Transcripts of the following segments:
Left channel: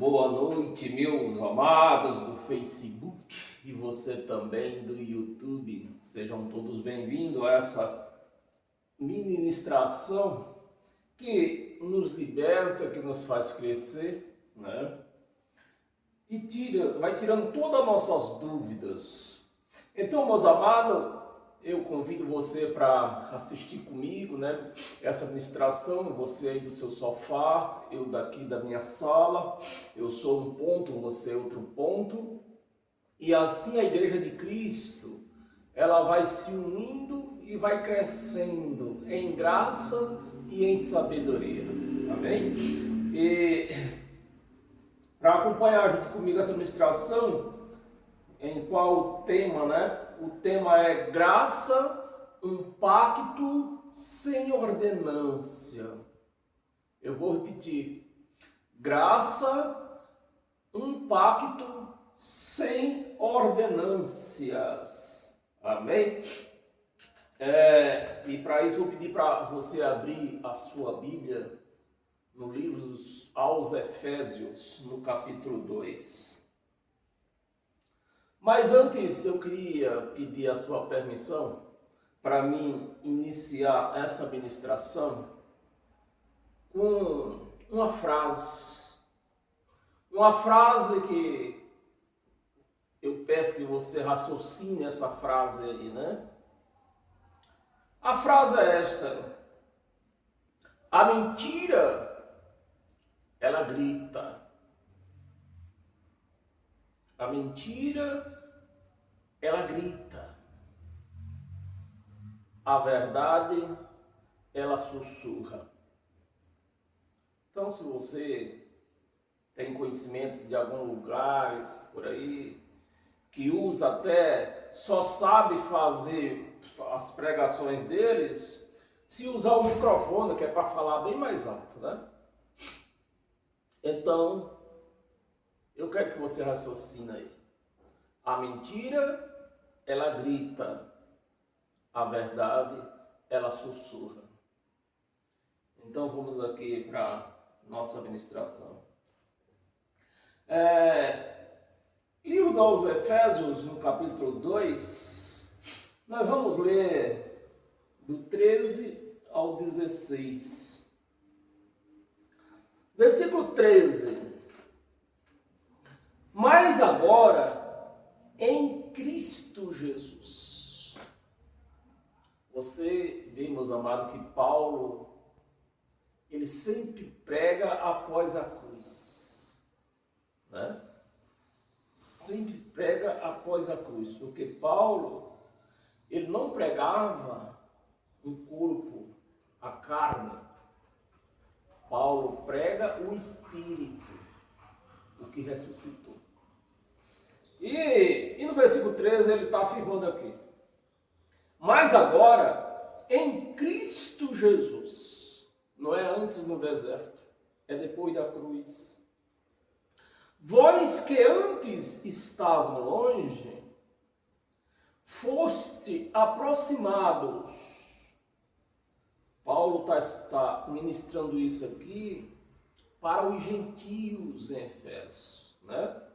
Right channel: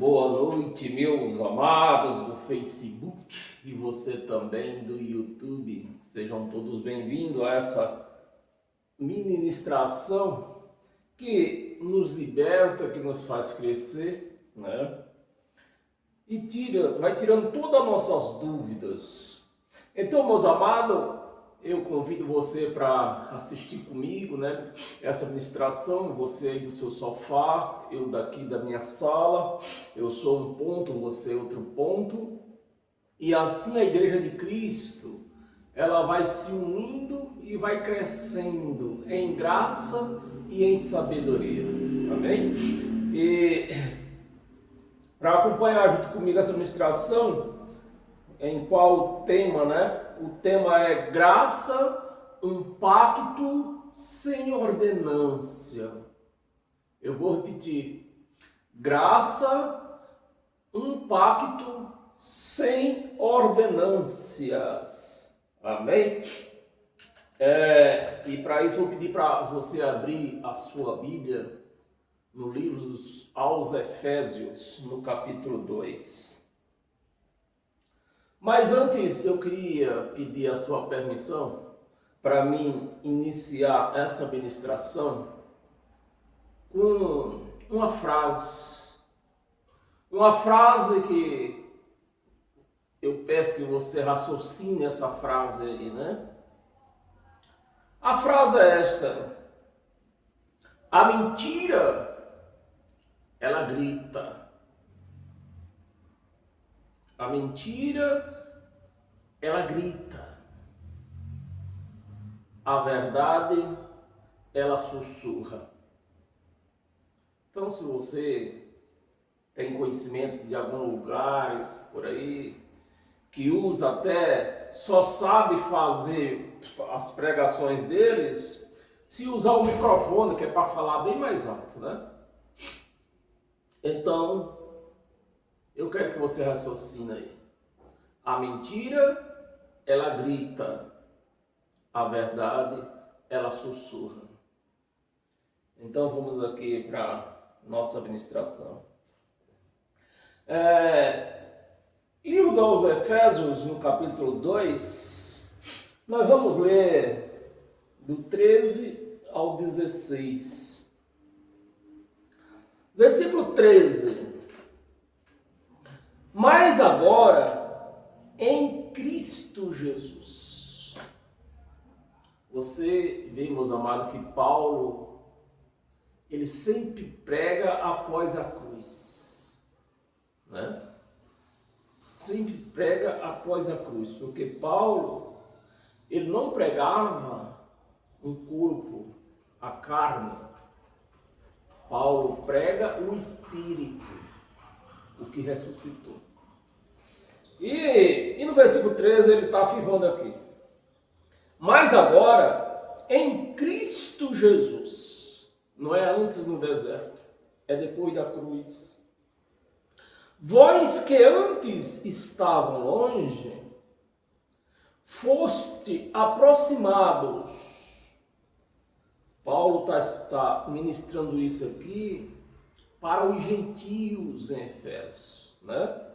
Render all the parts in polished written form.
Boa noite, meus amados do Facebook e você também do YouTube. Sejam todos bem-vindos a essa ministração que nos liberta, que nos faz crescer, né? E vai tirando todas as nossas dúvidas. Então, meus amados, eu convido você para assistir comigo, né? Essa ministração, você aí do seu sofá, eu daqui da minha sala, eu sou um ponto, você outro ponto. E assim a Igreja de Cristo, ela vai se unindo e vai crescendo em graça e em sabedoria. Amém? E para acompanhar junto comigo essa ministração, em qual tema, né? O tema é graça, um pacto sem ordenância. Eu vou repetir. Graça, um pacto sem ordenâncias. Amém? E para isso eu vou pedir para você abrir a sua Bíblia no livro aos Efésios, no capítulo 2. Mas antes eu queria pedir a sua permissão para mim iniciar essa ministração com uma frase que eu peço que você raciocine essa frase aí, né? A frase é esta: a mentira, ela grita. A mentira, ela grita. A verdade, ela sussurra. Então, se você tem conhecimentos de alguns lugares por aí, que usa até, só sabe fazer as pregações deles, se usar o microfone, que é para falar bem mais alto, né? Então, eu quero que você raciocine aí. A mentira, ela grita. A verdade, ela sussurra. Então vamos aqui para nossa administração. Livro aos Efésios, no capítulo 2, nós vamos ler do 13 ao 16. Versículo 13. Mas agora, em Cristo Jesus. Você vê, meus amados, que Paulo, ele sempre prega após a cruz, né? Sempre prega após a cruz, porque Paulo, ele não pregava um corpo, a carne. Paulo prega o Espírito, o que ressuscitou. E no versículo 13 ele está afirmando aqui: mas agora, em Cristo Jesus, não é antes no deserto, é depois da cruz. Vós que antes estavam longe, foste aproximados. Paulo está ministrando isso aqui para os gentios em Efésios, né?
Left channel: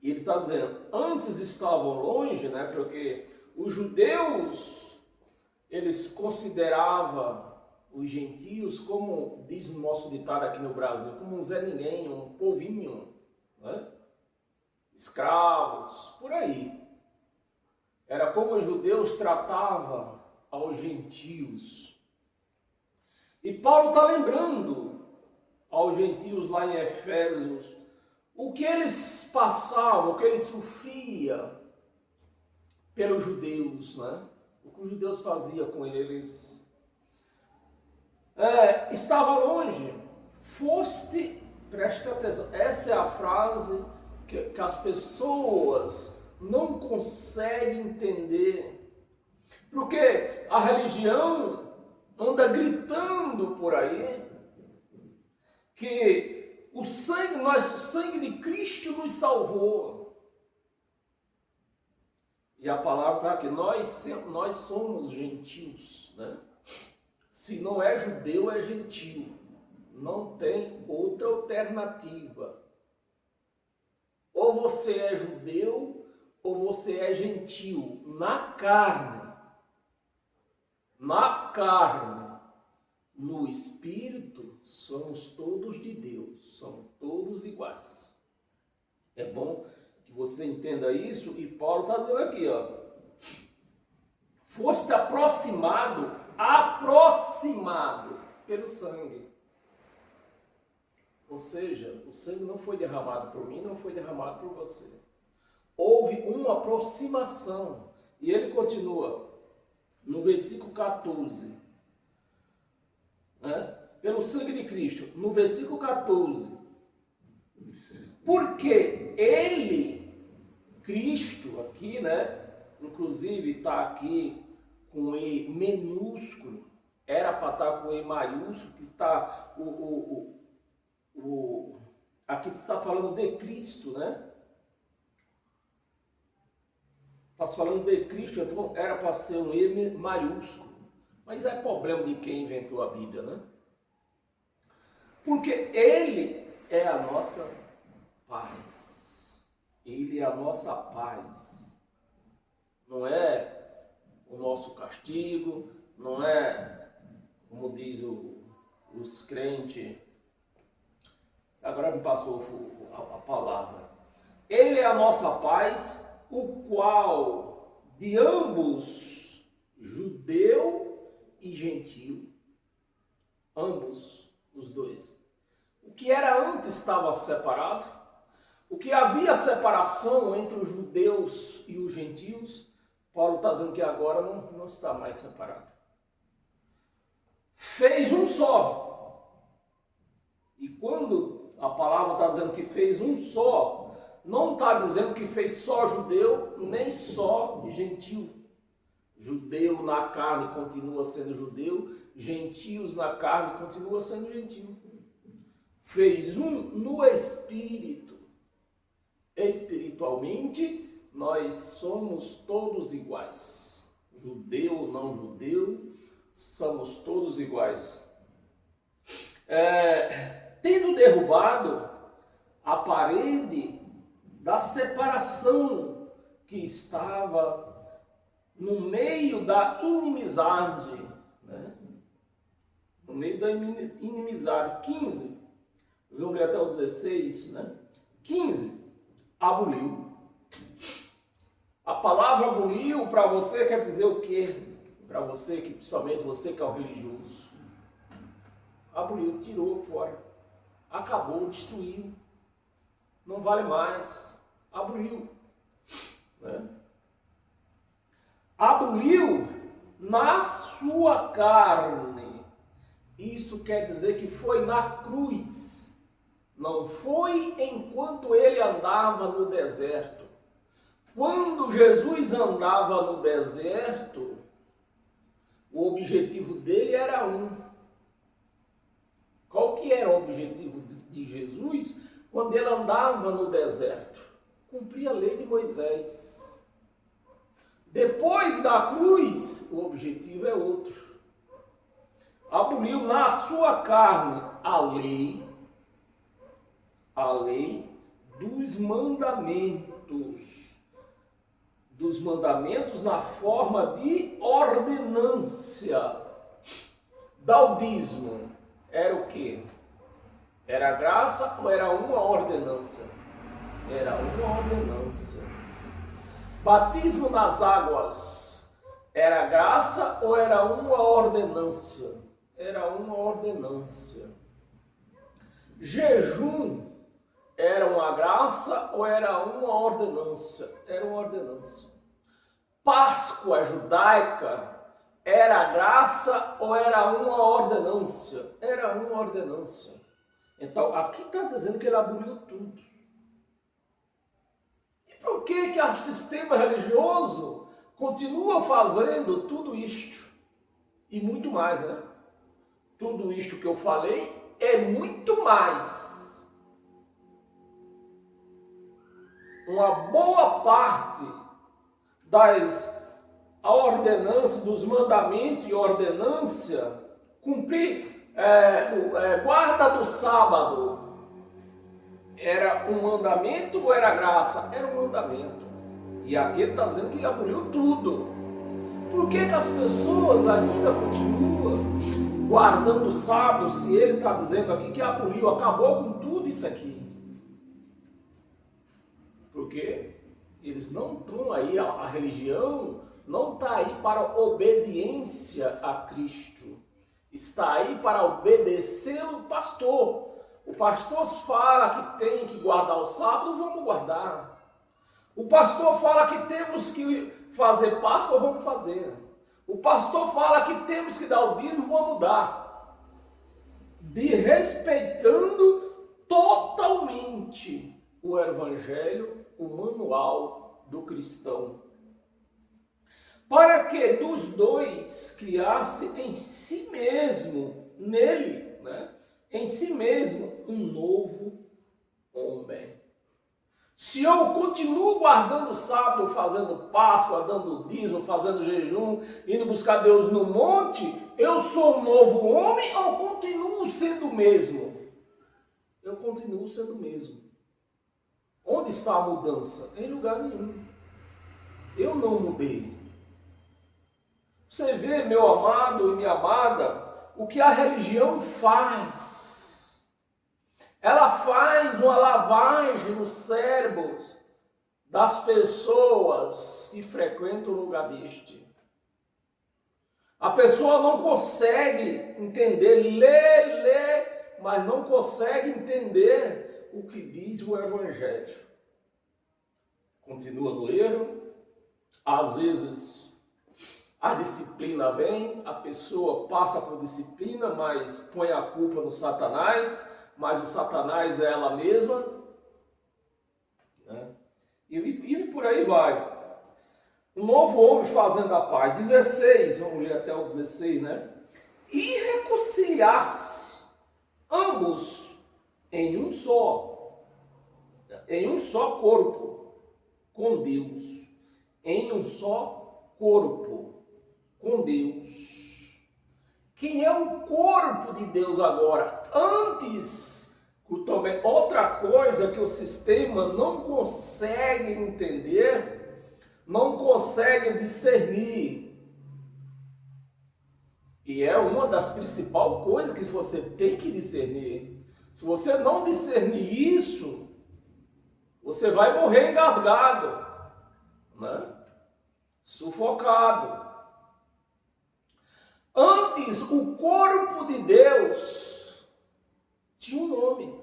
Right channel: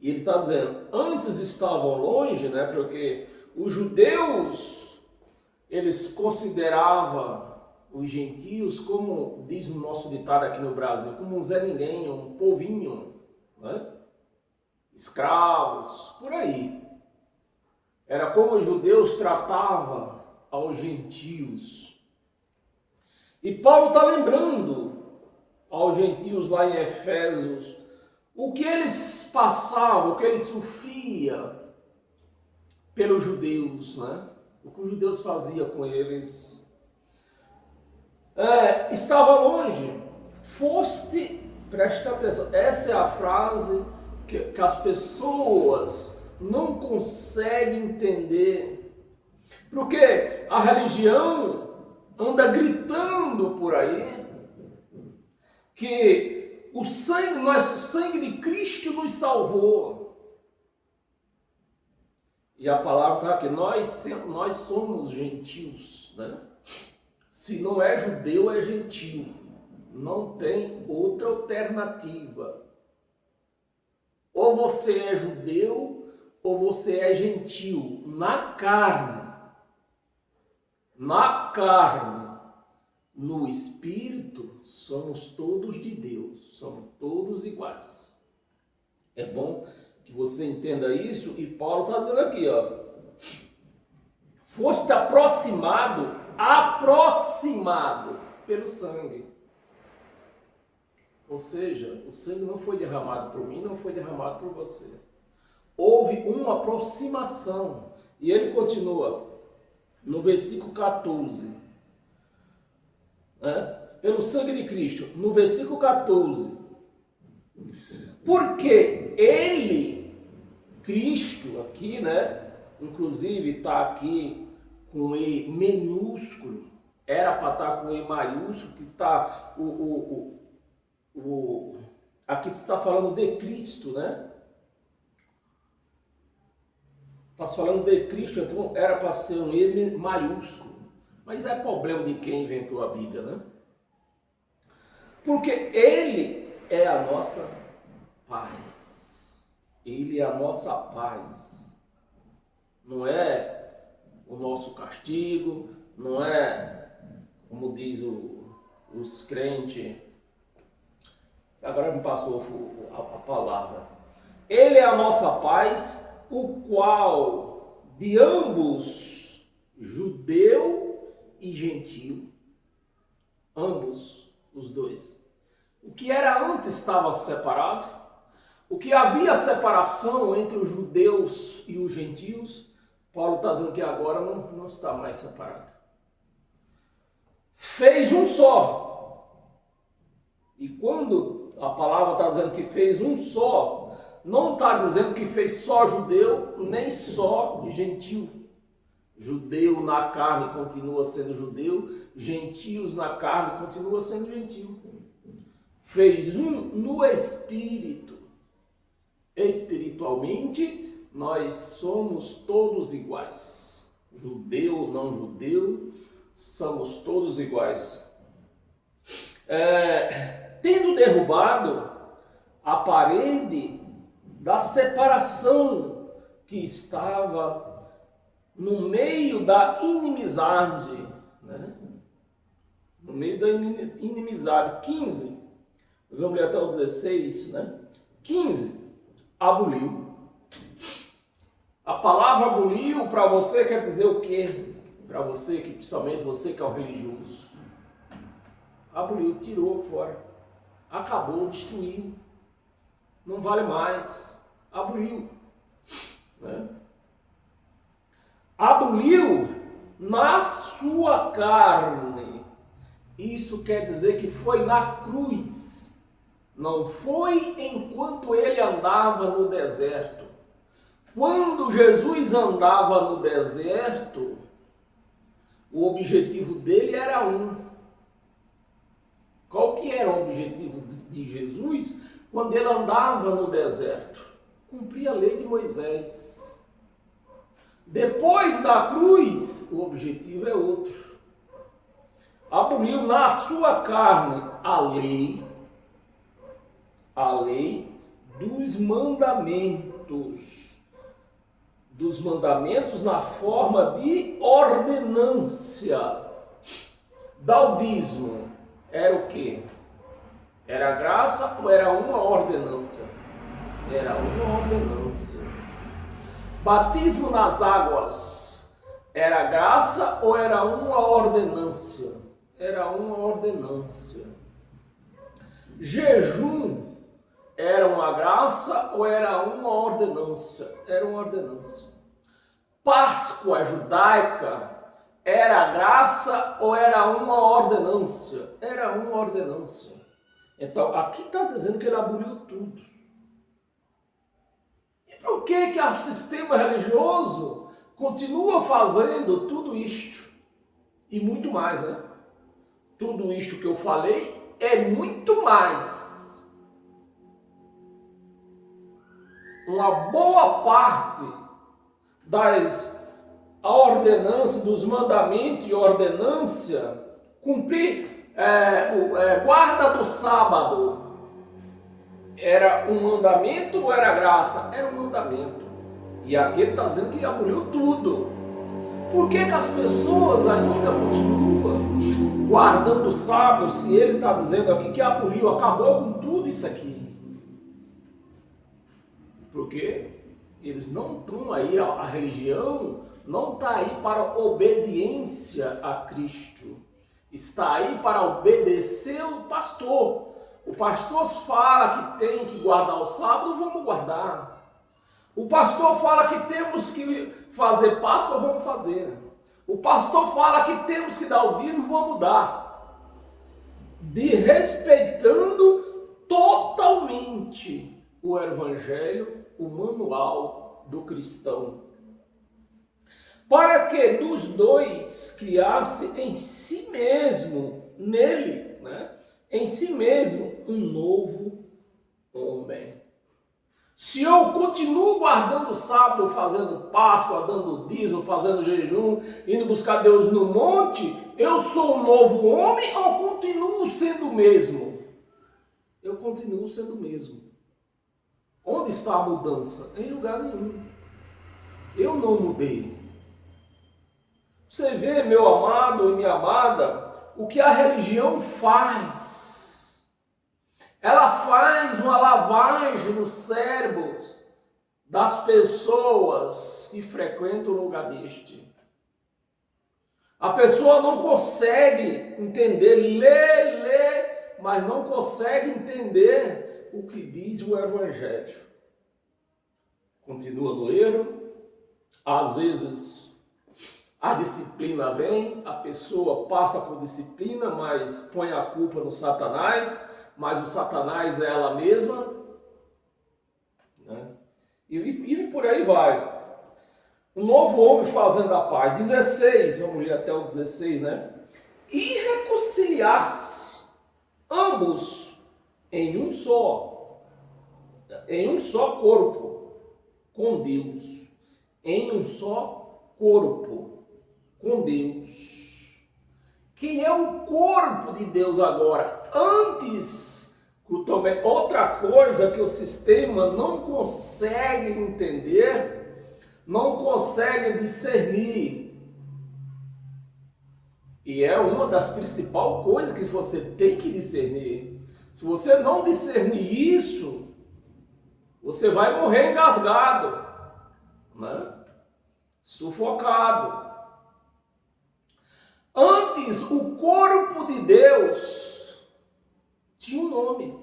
E ele está dizendo, antes estavam longe, né? Porque os judeus, eles consideravam os gentios como, diz o nosso ditado aqui no Brasil, como um Zé Ninguém, um povinho, né? Escravos, por aí. Era como os judeus tratavam aos gentios. E Paulo está lembrando aos gentios lá em Efésios o que eles passavam, o que eles sofriam pelos judeus, né? O que os judeus faziam com eles. Estava longe, foste, presta atenção, essa é a frase que as pessoas não conseguem entender, porque a religião anda gritando por aí que o sangue de Cristo nos salvou. E a palavra está aqui, nós somos gentios, né? Se não é judeu, é gentio. Não tem outra alternativa. Ou você é judeu ou você é gentil. Na carne. Na carne. No espírito, somos todos de Deus. Somos todos iguais. É bom que você entenda isso. E Paulo está dizendo aqui, ó. Foste aproximado pelo sangue. Ou seja, o sangue não foi derramado por mim, não foi derramado por você. Houve uma aproximação. E ele continua no versículo 14. Né? Pelo sangue de Cristo. No versículo 14. Porque ele, Cristo, aqui, né? Inclusive está aqui com E minúsculo. Era para estar com E maiúsculo, que está aqui está falando de Cristo, né? Está falando de Cristo, então era para ser um E maiúsculo. Mas é problema de quem inventou a Bíblia, né? Porque Ele é a nossa paz. Ele é a nossa paz. Não é o nosso castigo, não é, como diz os crentes. Agora me passou a palavra. Ele é a nossa paz, o qual de ambos, judeu e gentio, ambos, os dois. O que era antes estava separado, o que havia separação entre os judeus e os gentios, Paulo está dizendo que agora não está mais separado. Fez um só. E quando a palavra está dizendo que fez um só, não está dizendo que fez só judeu, nem só gentio. Judeu na carne continua sendo judeu, gentios na carne continua sendo gentio. Fez um no espírito. Espiritualmente, nós somos todos iguais. Judeu ou não judeu, somos todos iguais. Tendo derrubado a parede da separação que estava no meio da inimizade, né? No meio da inimizade. 15, vamos ler até o 16, né? 15, aboliu. A palavra aboliu para você quer dizer o quê? Para você, que principalmente você que é o religioso. Aboliu, tirou fora. Acabou, destruiu. Não vale mais. Aboliu. Né? Aboliu na sua carne. Isso quer dizer que foi na cruz. Não foi enquanto ele andava no deserto. Quando Jesus andava no deserto, o objetivo dele era um. Qual que era o objetivo de Jesus quando ele andava no deserto? Cumprir a lei de Moisés. Depois da cruz, o objetivo é outro. Aboliu na sua carne a lei dos mandamentos. Dos mandamentos na forma de ordenância. Daudismo era o quê? Era graça ou era uma ordenância? Era uma ordenância. Batismo nas águas era graça ou era uma ordenância? Era uma ordenância. Jejum era uma graça ou era uma ordenância? Era uma ordenância. Páscoa judaica era graça ou era uma ordenância? Era uma ordenância. Então, aqui está dizendo que ele aboliu tudo. E por que o sistema religioso continua fazendo tudo isto? E muito mais, né? Tudo isto que eu falei é muito mais. Uma boa parte das ordenâncias, dos mandamentos e ordenância, cumprir guarda do sábado era um mandamento ou era graça? Era um mandamento. E aqui ele está dizendo que aboliu tudo. Por que as pessoas ainda continuam guardando o sábado, se ele está dizendo aqui que aboliu, acabou com tudo isso aqui? Porque eles não estão aí, a religião não está aí para obediência a Cristo. Está aí para obedecer o pastor. O pastor fala que tem que guardar o sábado, vamos guardar. O pastor fala que temos que fazer Páscoa, vamos fazer. O pastor fala que temos que dar o dízimo, vamos dar. Respeitando totalmente o evangelho, o manual do cristão. Para que dos dois criasse em si mesmo, nele, em si mesmo, um novo homem. Se eu continuo guardando o sábado, fazendo Páscoa, dando dízimo, fazendo jejum, indo buscar Deus no monte, eu sou um novo homem ou continuo sendo o mesmo? Eu continuo sendo o mesmo. Onde está a mudança? Em lugar nenhum. Eu não mudei. Você vê, meu amado e minha amada, o que a religião faz. Ela faz uma lavagem nos cérebros das pessoas que frequentam o lugar deste. A pessoa não consegue entender, lê, mas não consegue entender o que diz o Evangelho. Continua no erro, às vezes a disciplina vem, a pessoa passa por disciplina, mas põe a culpa no Satanás, mas o Satanás é ela mesma, e por aí vai. Um novo homem fazendo a paz. 16, vamos ler até o 16, E reconciliar-se ambos em um só corpo com Deus. Em um só corpo com Deus. Quem é o corpo de Deus agora? Antes, também outra coisa que o sistema não consegue entender, não consegue discernir. E é uma das principais coisas que você tem que discernir. Se você não discernir isso, você vai morrer engasgado, sufocado. Antes, o corpo de Deus tinha um nome.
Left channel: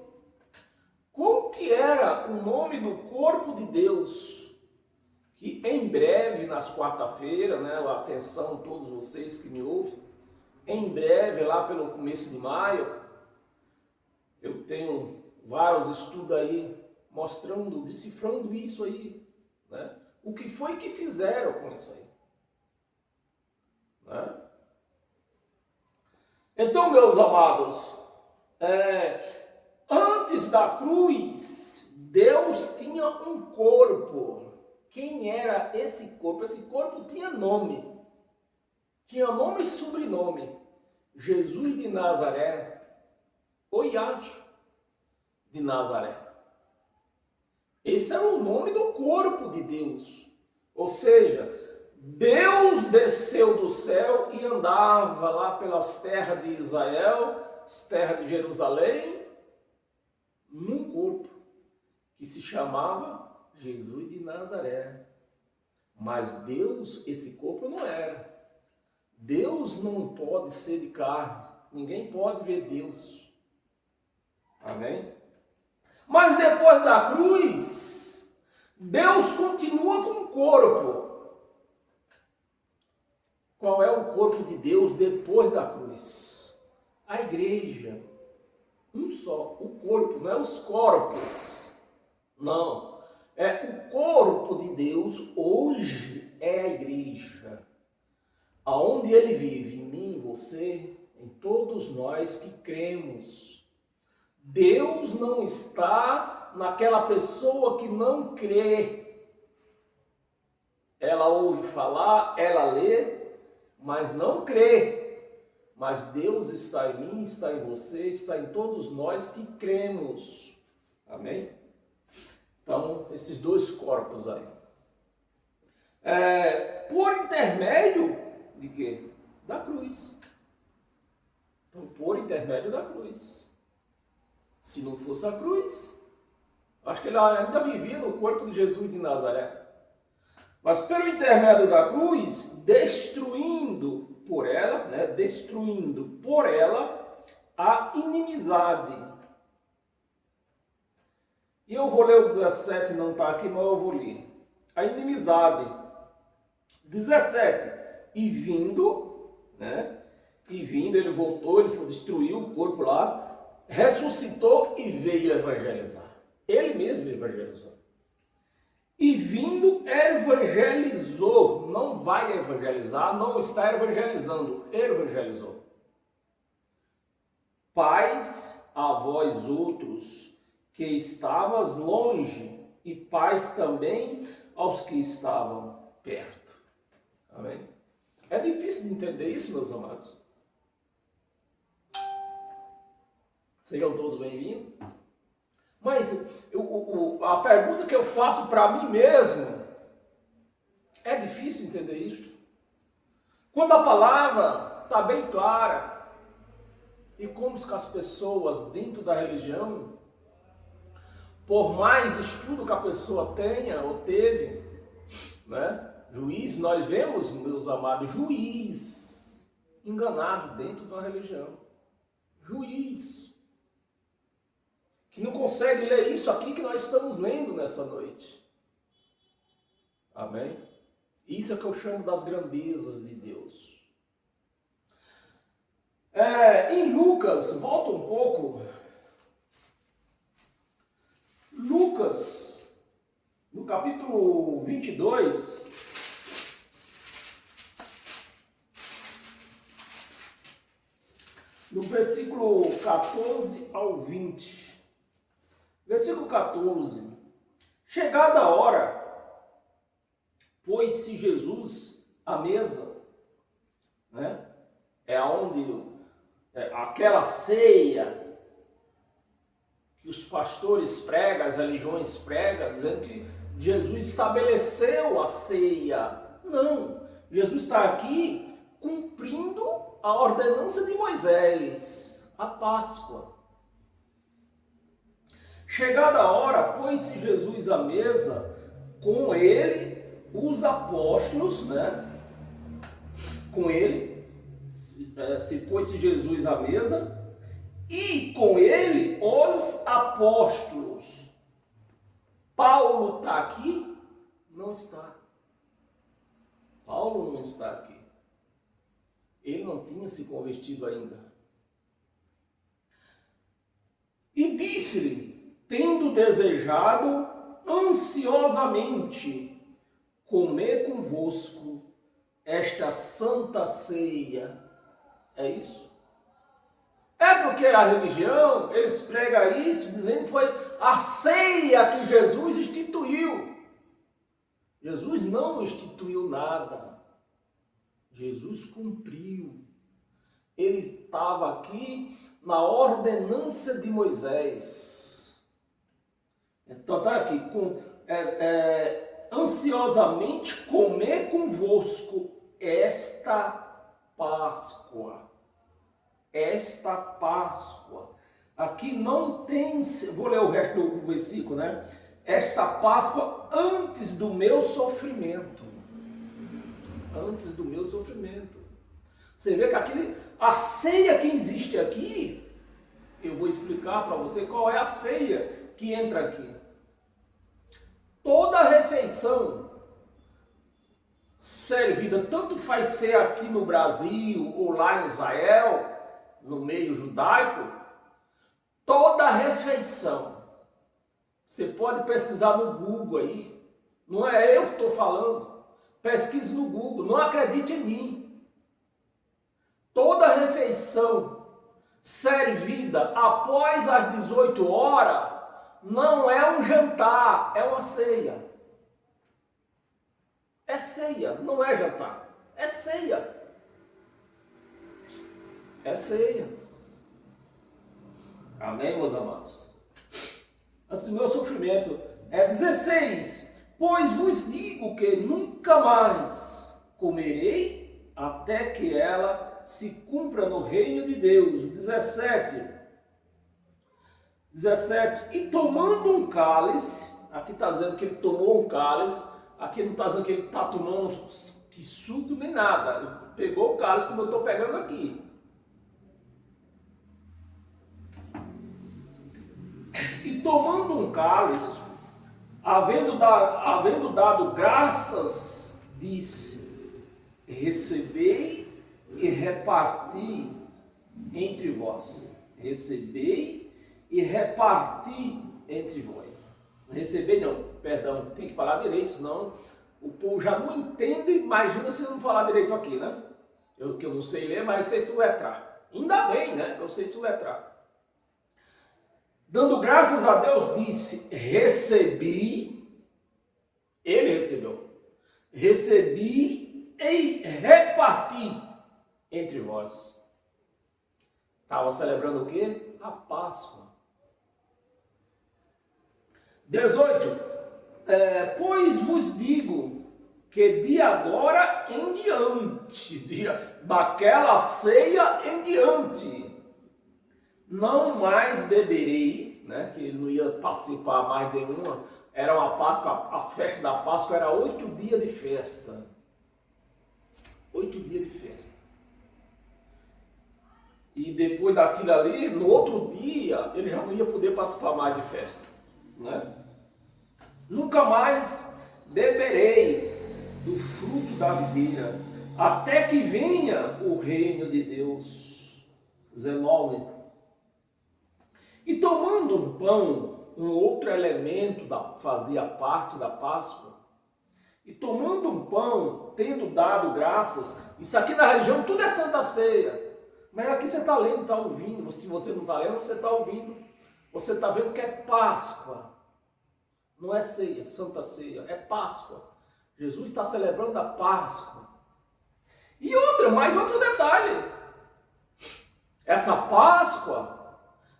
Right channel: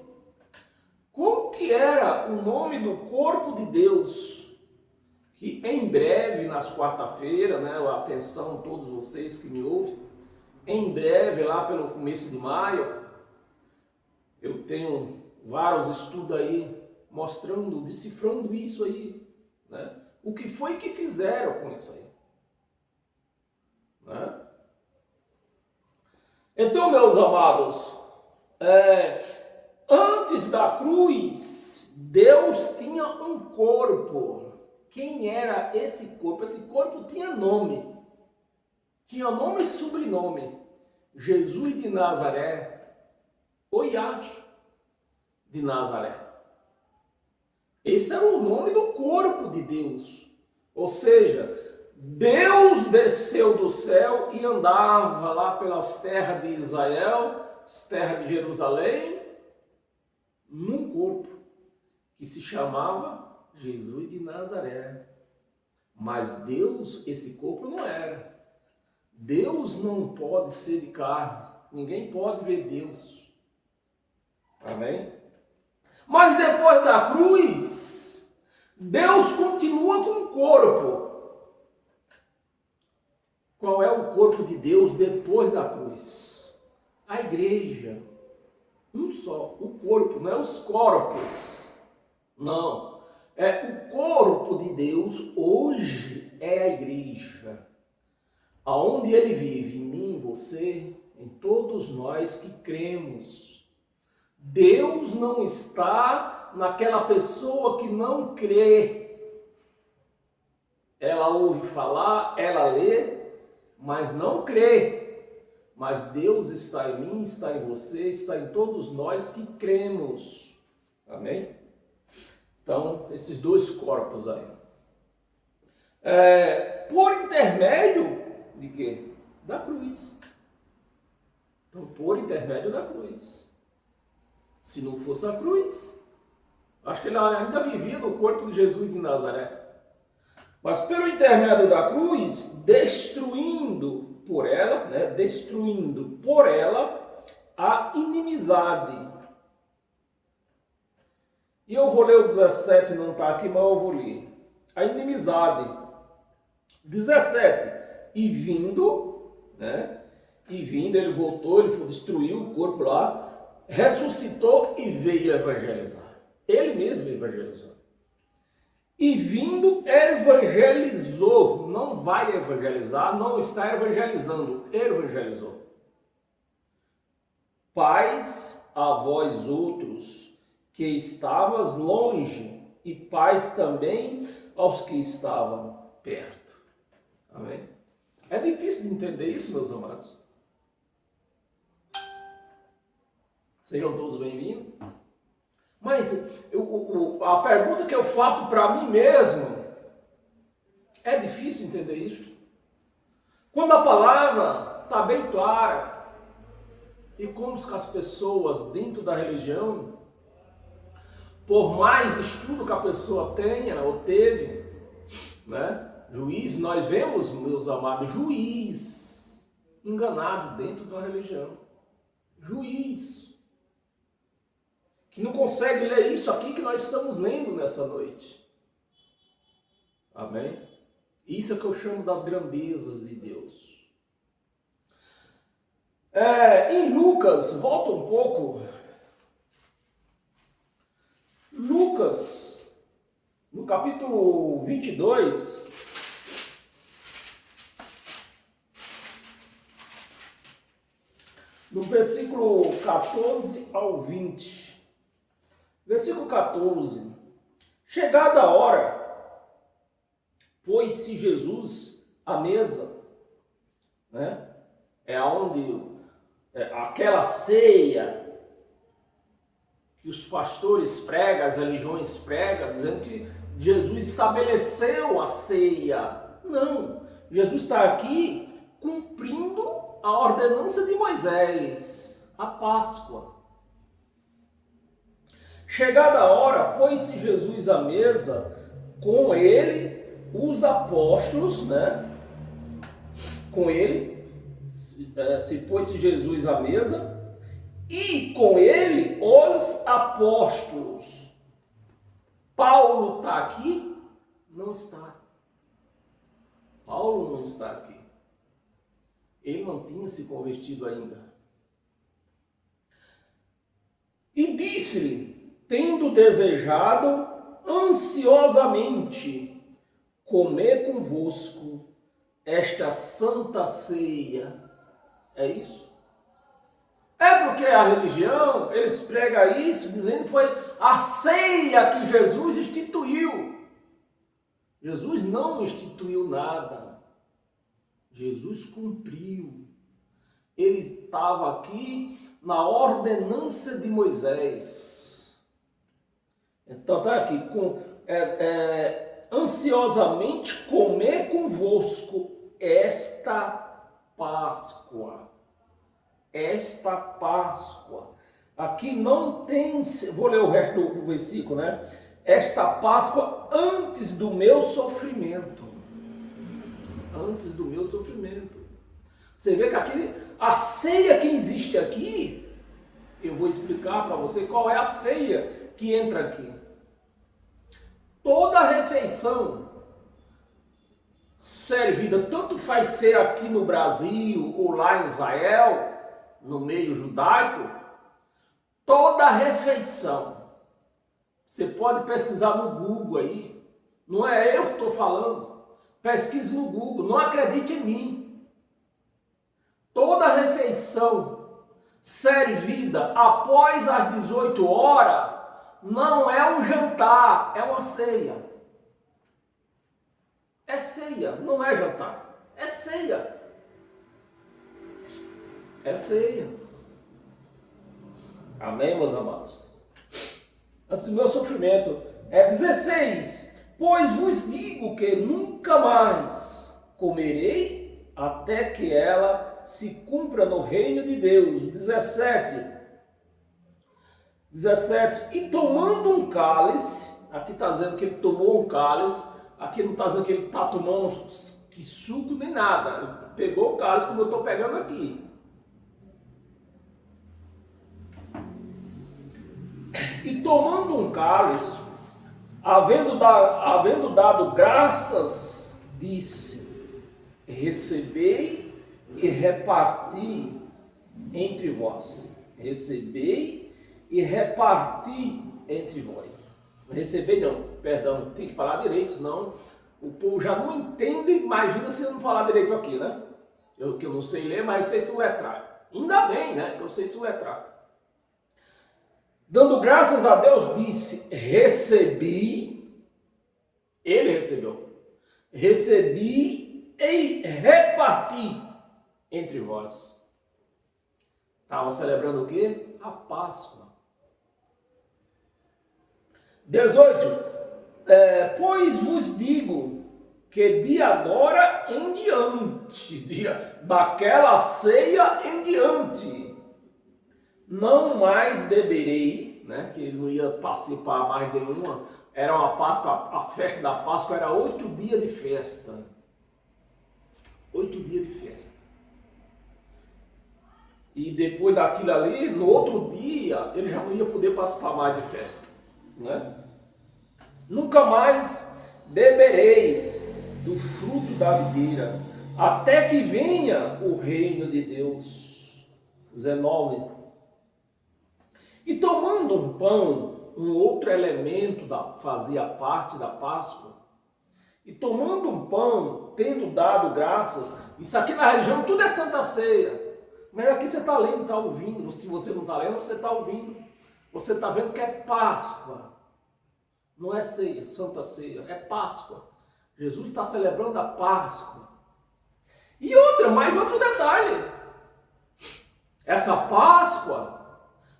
Como que era o nome do corpo de Deus? Que em breve, nas quarta-feiras, atenção todos vocês que me ouvem, em breve, lá pelo começo de maio, eu tenho vários estudos aí, mostrando, decifrando isso aí, O que foi que fizeram com isso aí, Então, meus amados, antes da cruz, Deus tinha um corpo. Quem era esse corpo? Esse corpo tinha nome. Tinha nome e sobrenome. Jesus de Nazaré, ou Iacho de Nazaré. Esse era o nome do corpo de Deus. Ou seja, Deus desceu do céu e andava lá pelas terras de Israel, as terras de Jerusalém, num corpo que se chamava Jesus de Nazaré. Mas Deus, esse corpo não era. Deus não pode ser de carne. Ninguém pode ver Deus. Amém? Mas depois da cruz, Deus continua com o corpo. Qual é o corpo de Deus depois da cruz? A igreja. Um só. O corpo, não é os corpos. Não. É o corpo de Deus hoje é a igreja. Aonde ele vive, em mim, em você, em todos nós que cremos. Deus não está naquela pessoa que não crê. Ela ouve falar, ela lê, mas não crê. mas Deus está em mim, está em você, está em todos nós que cremos. Amém? Então, esses dois corpos aí. Por intermédio de quê? Da cruz. Então, por intermédio da cruz. Se não fosse a cruz, acho que ele ainda vivia no corpo de Jesus de Nazaré. Mas pelo intermédio da cruz, destruindo por ela a inimizade. E eu vou ler o 17, não está aqui, mas eu vou ler. A inimizade. 17. E vindo, ele voltou, ele destruiu o corpo lá, ressuscitou e veio evangelizar. Ele mesmo evangelizou. E vindo, evangelizou. Não vai evangelizar, não está evangelizando. Evangelizou. Paz a vós outros, que estavas longe, e paz também aos que estavam perto. Amém? É difícil de entender isso, meus amados. Sejam todos bem-vindos. Mas a pergunta que eu faço para mim mesmo, é difícil entender isso? Quando a palavra está bem clara, e como que as pessoas dentro da religião, por mais estudo que a pessoa tenha ou teve, juiz, nós vemos, meus amados, juiz enganado dentro de uma religião. Juiz que não consegue ler isso aqui que nós estamos lendo nessa noite. Amém? Isso é que eu chamo das grandezas de Deus. Em Lucas, volta um pouco. Lucas, no capítulo 22, no versículo 14 ao 20. Versículo 14. Chegada a hora, pôs-se Jesus à mesa, aquela ceia que os pastores pregam, as religiões pregam, dizendo que Jesus estabeleceu a ceia. Não, Jesus está aqui cumprindo a ordenança de Moisés, a Páscoa. Chegada a hora, pôs-se Jesus à mesa, com ele, os apóstolos, com ele, se pôs-se Jesus à mesa, e com ele os apóstolos. Paulo está aqui? Não está. Paulo não está aqui. Ele não tinha se convertido ainda. E disse-lhe, tendo desejado ansiosamente comer convosco esta santa ceia. É isso? É porque a religião, eles pregam isso, dizendo que foi a ceia que Jesus instituiu. Jesus não instituiu nada. Jesus cumpriu. Ele estava aqui na ordenança de Moisés. Então está aqui, ansiosamente comer convosco esta Páscoa. Esta Páscoa. Aqui não tem, vou ler o resto do versículo, Esta Páscoa antes do meu sofrimento. Antes do meu sofrimento. Você vê que aqui, a ceia que existe aqui, eu vou explicar para você qual é a ceia que entra aqui. Toda refeição servida, tanto faz ser aqui no Brasil ou lá em Israel, no meio judaico, toda refeição, você pode pesquisar no Google aí, não é eu que estou falando, pesquise no Google, não acredite em mim. Toda refeição servida após as 18 horas, não é um jantar, é uma ceia. É ceia, não é jantar, é ceia. É ceia. Amém, meus amados? Antes do meu sofrimento. 16. Pois vos digo que nunca mais comerei até que ela se cumpra no reino de Deus. 17. E tomando um cálice, aqui está dizendo que ele tomou um cálice, aqui não está dizendo que ele está tomando que suco nem nada. Ele pegou o cálice como eu estou pegando aqui. E tomando um cálice, havendo dado graças, disse: recebei e reparti entre vós. Recebei e reparti entre vós. Receber não, perdão, tem que falar direito, senão o povo já não entende. Imagina se eu não falar direito aqui, né? Que eu não sei ler, mas sei soletrar. Ainda bem, né? Que eu sei soletrar. Dando graças a Deus, disse: recebi, ele recebeu, recebi e reparti entre vós. Estava celebrando o quê? A Páscoa. 18. Pois vos digo que de agora em diante, daquela ceia em diante, não mais beberei, né? Que ele não ia participar mais de nenhuma. Era uma Páscoa, a festa da Páscoa era 8 dias de festa. 8 dias de festa. E depois daquilo ali, no outro dia, ele já não ia poder participar mais de festa, né? Nunca mais beberei do fruto da videira, até que venha o reino de Deus. 19. E tomando um pão, um outro elemento fazia parte da Páscoa, e tomando um pão, tendo dado graças, isso aqui na religião tudo é Santa Ceia, mas aqui você está lendo, está ouvindo. Se você não está lendo, você está ouvindo, você está vendo que é Páscoa, não é ceia, Santa Ceia, é Páscoa. Jesus está celebrando a Páscoa. E mais outro detalhe, essa Páscoa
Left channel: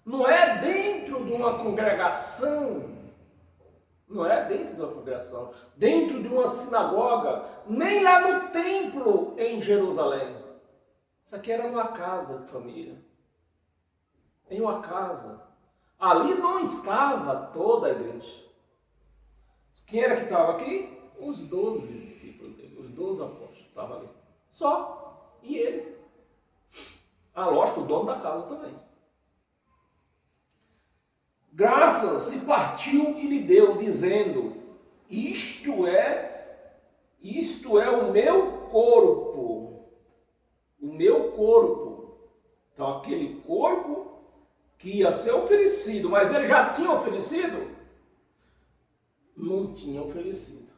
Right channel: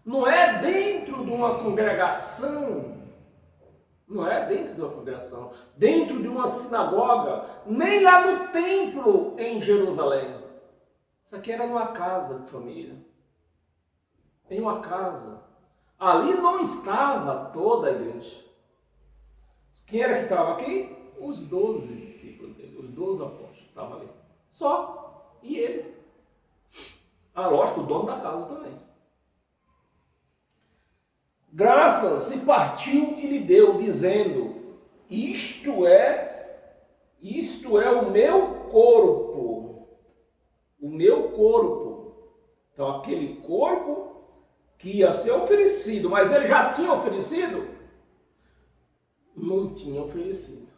não é dentro de uma congregação, dentro de uma sinagoga, nem lá no templo em Jerusalém. Isso aqui era numa casa de família, em uma casa. Ali não estava toda a igreja. Quem era que estava aqui? Os 12 discípulos dele, os 12 apóstolos estavam ali. Só. E ele. Lógico, o dono da casa também. Graças e partiu e lhe deu, dizendo: isto é o meu corpo. O meu corpo. Então, aquele corpo que ia ser oferecido, mas ele já tinha oferecido? Não tinha oferecido.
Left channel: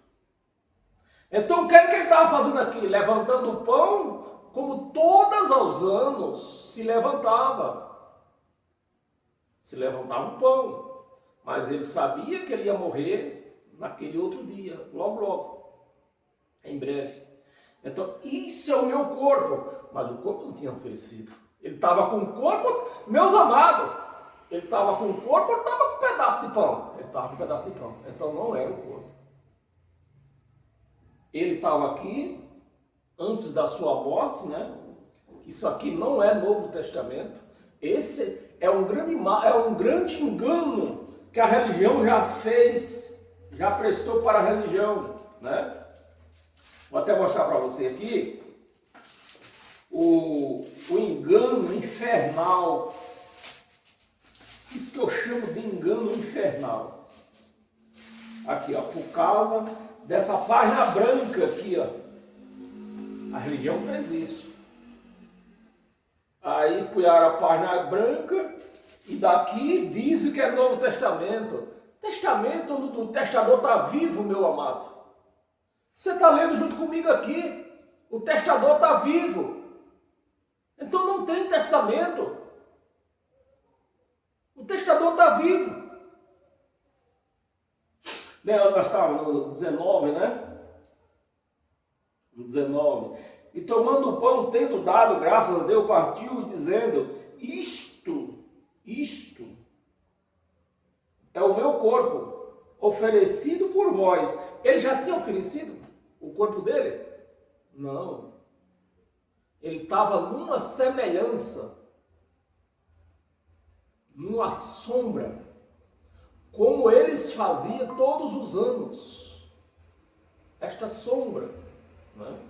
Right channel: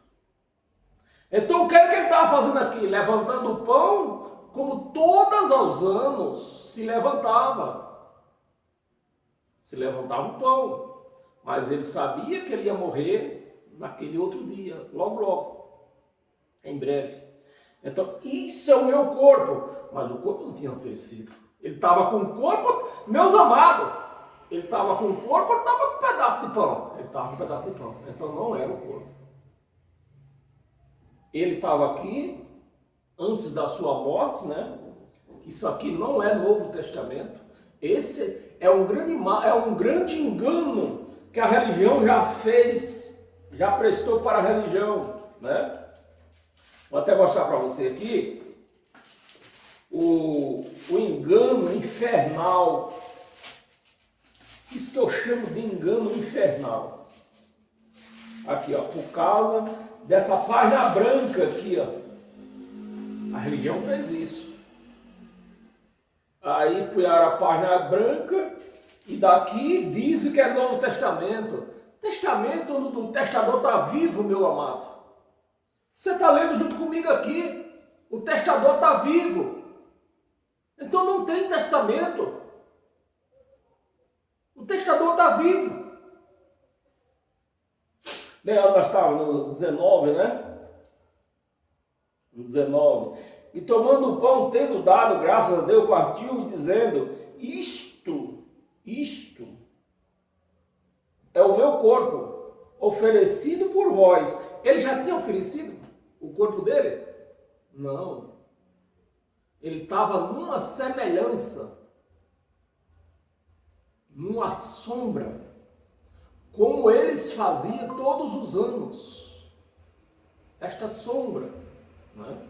Então, o que ele estava fazendo aqui? Levantando o pão, como todos os anos se levantava. Se levantava o pão, mas ele sabia que ele ia morrer naquele outro dia, logo, em breve. Então, isso é o meu corpo, mas o corpo não tinha oferecido. Ele estava com o corpo, meus amados, ele estava com o corpo, ele estava com um pedaço de pão. Ele estava com um pedaço de pão, então não era o corpo. Ele estava aqui, antes da sua morte, né? Isso aqui não é Novo Testamento. Esse é um grande engano que a religião já fez, já prestou para a religião, né? Vou até mostrar para você aqui o engano infernal. Isso que eu chamo de engano infernal. Aqui, ó, por causa dessa página branca aqui, ó. A religião fez isso. Aí puseram a página branca e daqui diz que é Novo Testamento. Testamento onde o testador está vivo, meu amado. Você está lendo junto comigo aqui. O testador está vivo. Então não tem testamento. O testador está vivo. Nós estávamos no 19, né? No 19. e tomando o pão, tendo dado graças a Deus, partiu e dizendo, isto é o meu corpo, oferecido por vós. Ele já tinha oferecido o corpo dele? Não. Ele estava numa semelhança, numa sombra, como eles faziam todos os anos. Esta sombra, né?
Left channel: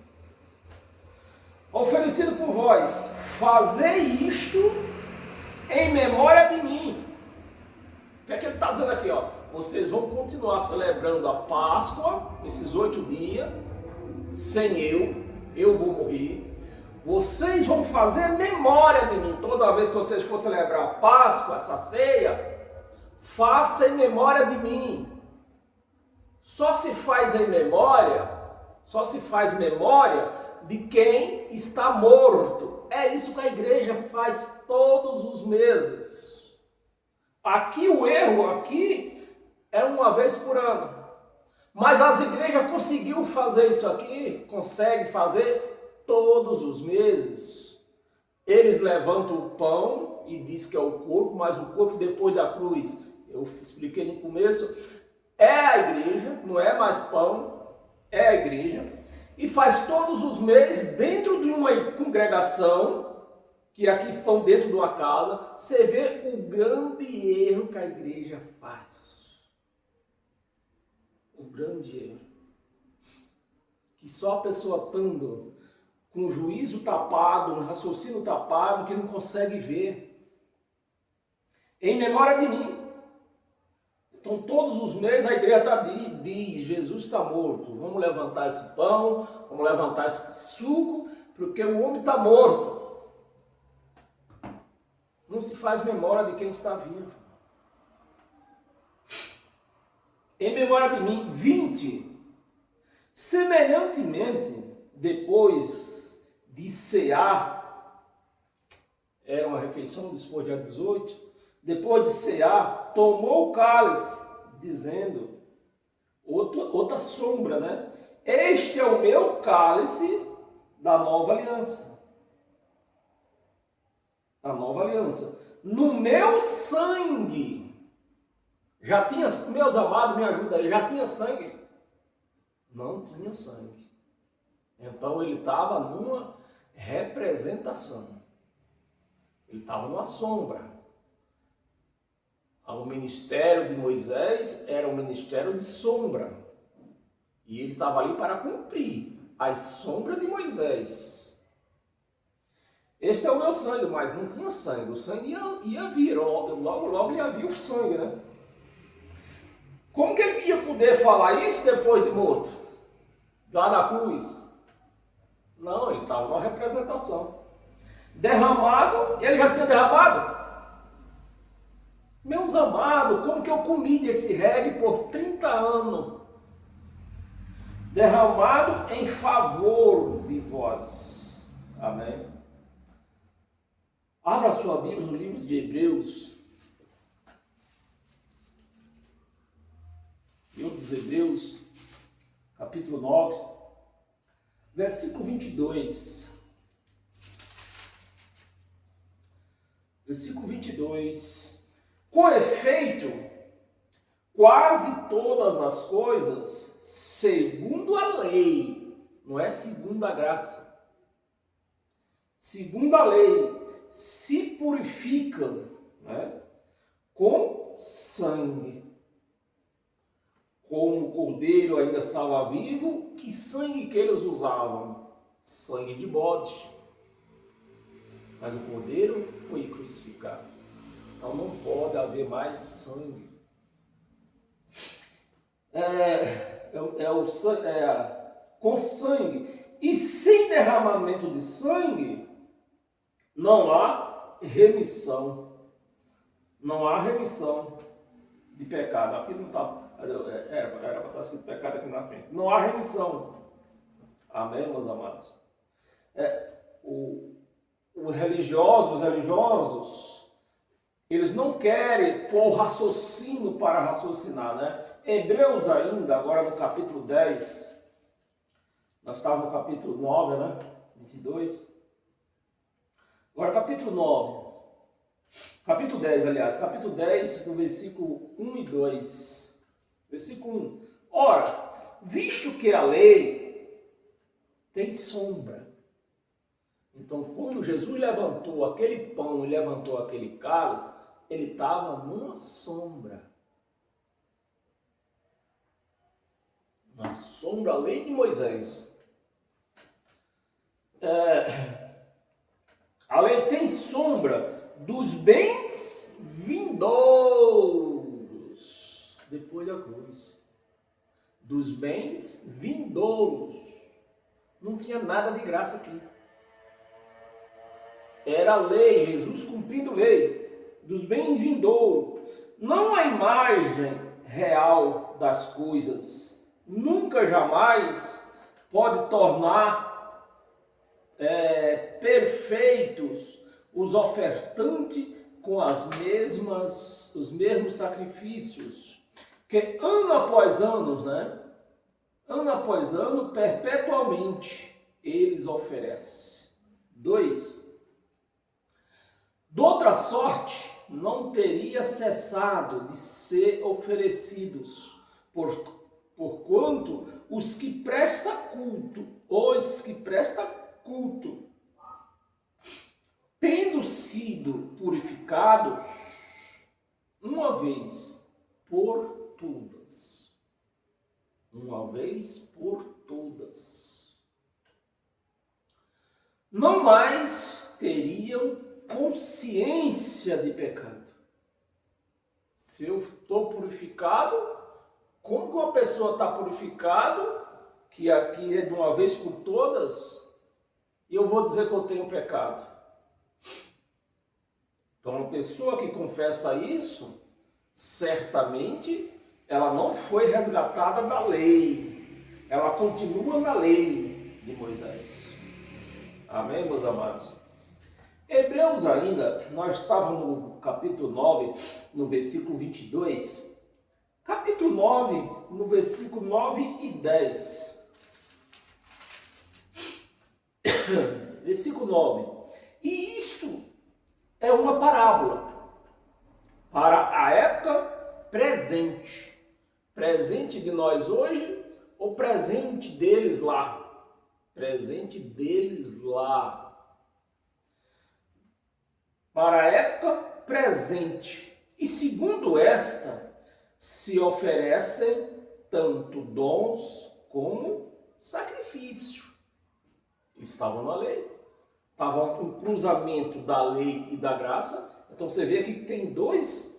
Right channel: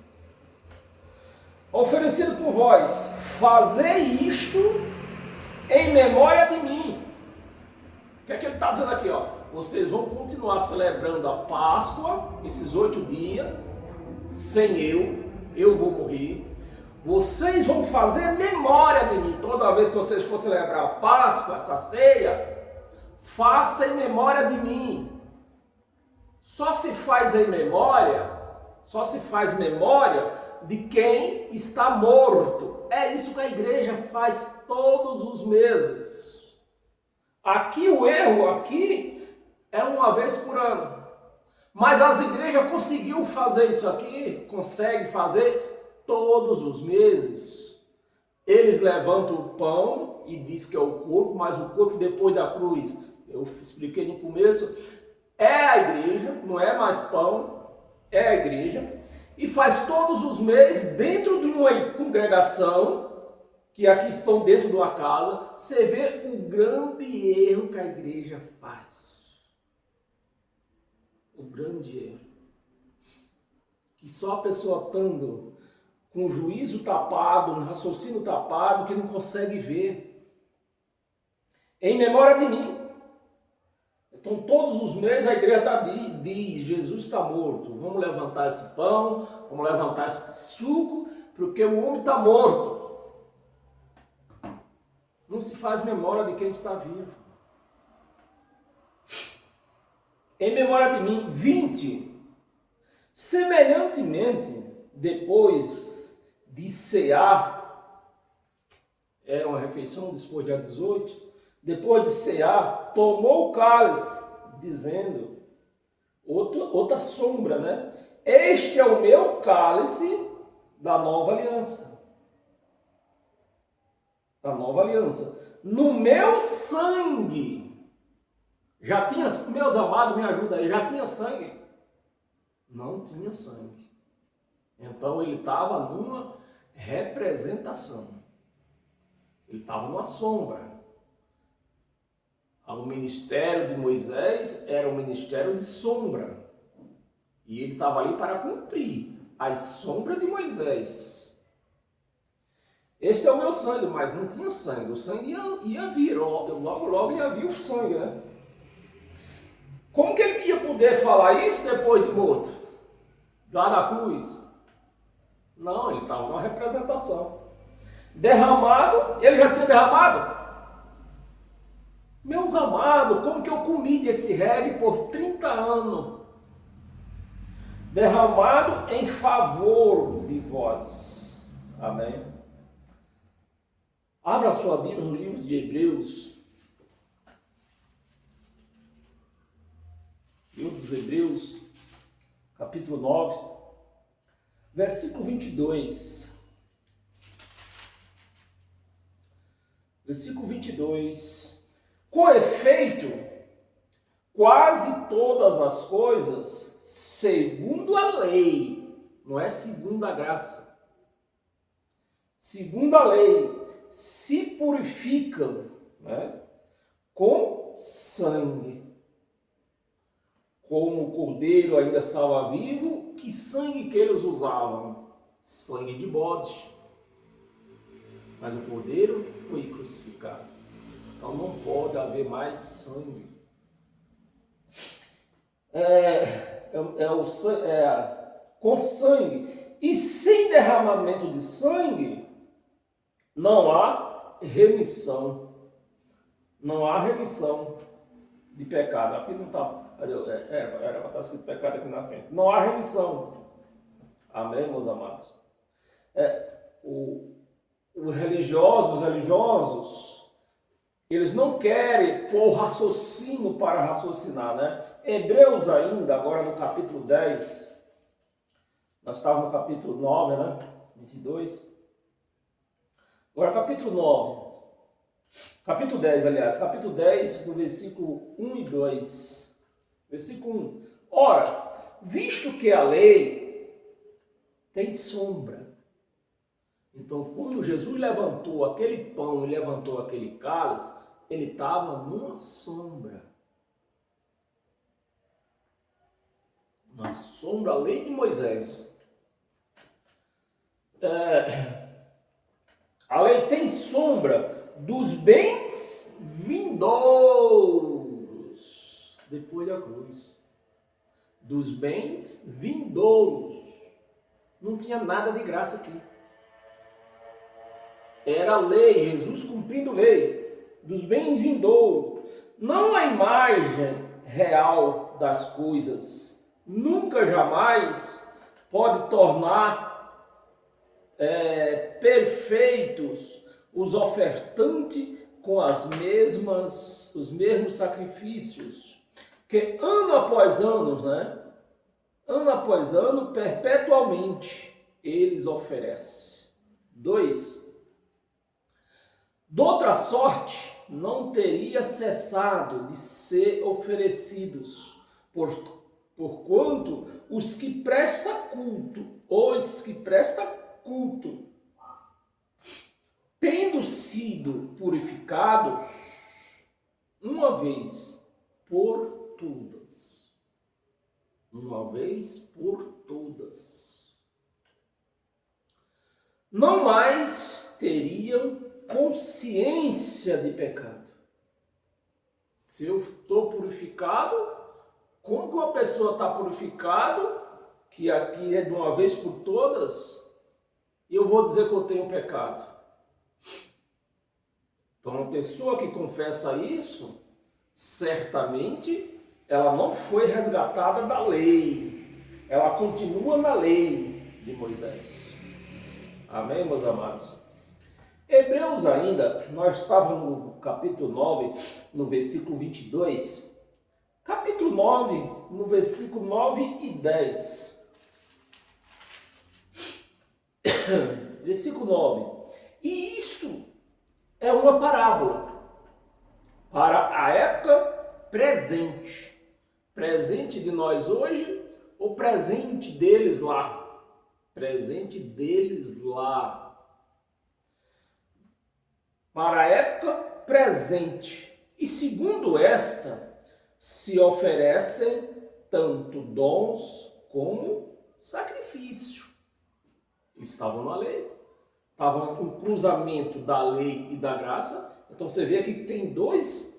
Oferecido por vós, fazei isto em memória de mim. O que é que ele está dizendo aqui? Ó? Vocês vão continuar celebrando a Páscoa, esses 8 dias, sem eu vou morrer. Vocês vão fazer memória de mim. Toda vez que vocês for celebrar a Páscoa, essa ceia, faça em memória de mim. Só se faz memória de quem está morto. É isso que a igreja faz todos os meses. Aqui o erro é uma vez por ano. Mas as igrejas conseguiu fazer isso aqui, consegue fazer todos os meses. Eles levantam o pão e diz que é o corpo, mas o corpo depois da cruz, eu expliquei no começo, é a igreja, não é mais pão, é a igreja. E faz todos os meses dentro de uma congregação, que aqui estão dentro de uma casa, você vê o grande erro que a igreja faz. O grande erro. Que só a pessoa estando com o juízo tapado, um raciocínio tapado, que não consegue ver. Em memória de mim. Então, todos os meses a igreja diz, Jesus está morto. Vamos levantar esse pão, vamos levantar esse suco, porque o homem está morto. Não se faz memória de quem está vivo. Em memória de mim, 20. Semelhantemente, depois de cear, era uma refeição depois de 18, depois de cear, tomou o cálice, dizendo, outra sombra, né? Este é o meu cálice da nova aliança. Da nova aliança. No meu sangue. Já tinha, meus amados, me ajuda aí, já tinha sangue? Não tinha sangue. Então ele estava numa representação. Ele estava numa sombra. O ministério de Moisés era um ministério de sombra. E ele estava ali para cumprir as sombras de Moisés. Este é o meu sangue, mas não tinha sangue. O sangue ia vir, logo ia vir o sangue, né? Como que ele ia poder falar isso depois de morto? Lá na cruz? Não, ele estava numa representação. Derramado, ele já tinha derramado? Meus amados, como que eu comi desse reggae por 30 anos? Derramado em favor de vós. Amém? Abra sua Bíblia no livro de Hebreus. Livro dos Hebreus, capítulo 9, versículo 22. Versículo 22. Com efeito, quase todas as coisas, segundo a lei, não é segundo a graça, segundo a lei, se purificam, né, com sangue. Como o cordeiro ainda estava vivo, que sangue que eles usavam? Sangue de bode. Mas o cordeiro foi crucificado. Então não pode haver mais sangue. Com sangue. E sem derramamento de sangue, não há remissão. Não há remissão de pecado. Aqui não está. Era para estar escrito pecado aqui na frente. Não há remissão. Amém, meus amados? Os religiosos, eles não querem pôr raciocínio para raciocinar, né? Hebreus ainda, agora no capítulo 10, nós estávamos no capítulo 9, né? 22. Agora, capítulo 9. Capítulo 10, aliás. Capítulo 10, do versículo 1 e 2. Versículo 1. Ora, visto que a lei tem sombra. Então, quando Jesus levantou aquele pão e levantou aquele cálice, ele estava numa sombra. Uma sombra, a lei de Moisés. A lei tem sombra dos bens vindouros depois da cruz. Dos bens vindouros. Não tinha nada de graça aqui. Era a lei, Jesus cumprindo lei. Dos bens vindouros. Não a imagem real das coisas. Nunca, jamais pode tornar perfeitos os ofertantes com os mesmos sacrifícios, que ano após ano, ano após ano, perpetualmente, eles oferecem. 2. Doutra sorte, não teria cessado de ser oferecidos, porquanto os que prestam culto, tendo sido purificados uma vez por todas. Uma vez por todas. Não mais teriam consciência de pecado. Se eu estou purificado, como que uma pessoa está purificado, que aqui é de uma vez por todas, e eu vou dizer que eu tenho pecado? Então, a pessoa que confessa isso, certamente, ela não foi resgatada da lei. Ela continua na lei de Moisés. Amém, meus amados? Hebreus ainda, nós estávamos no capítulo 9, no versículo 22. Capítulo 9, no versículo 9 e 10. Versículo 9. E isto é uma parábola para a época presente. Presente de nós hoje ou presente deles lá? Presente deles lá. Para a época presente. E segundo esta, se oferecem tanto dons como sacrifício. Estavam na lei. Estavam um cruzamento da lei e da graça. Então você vê aqui que tem dois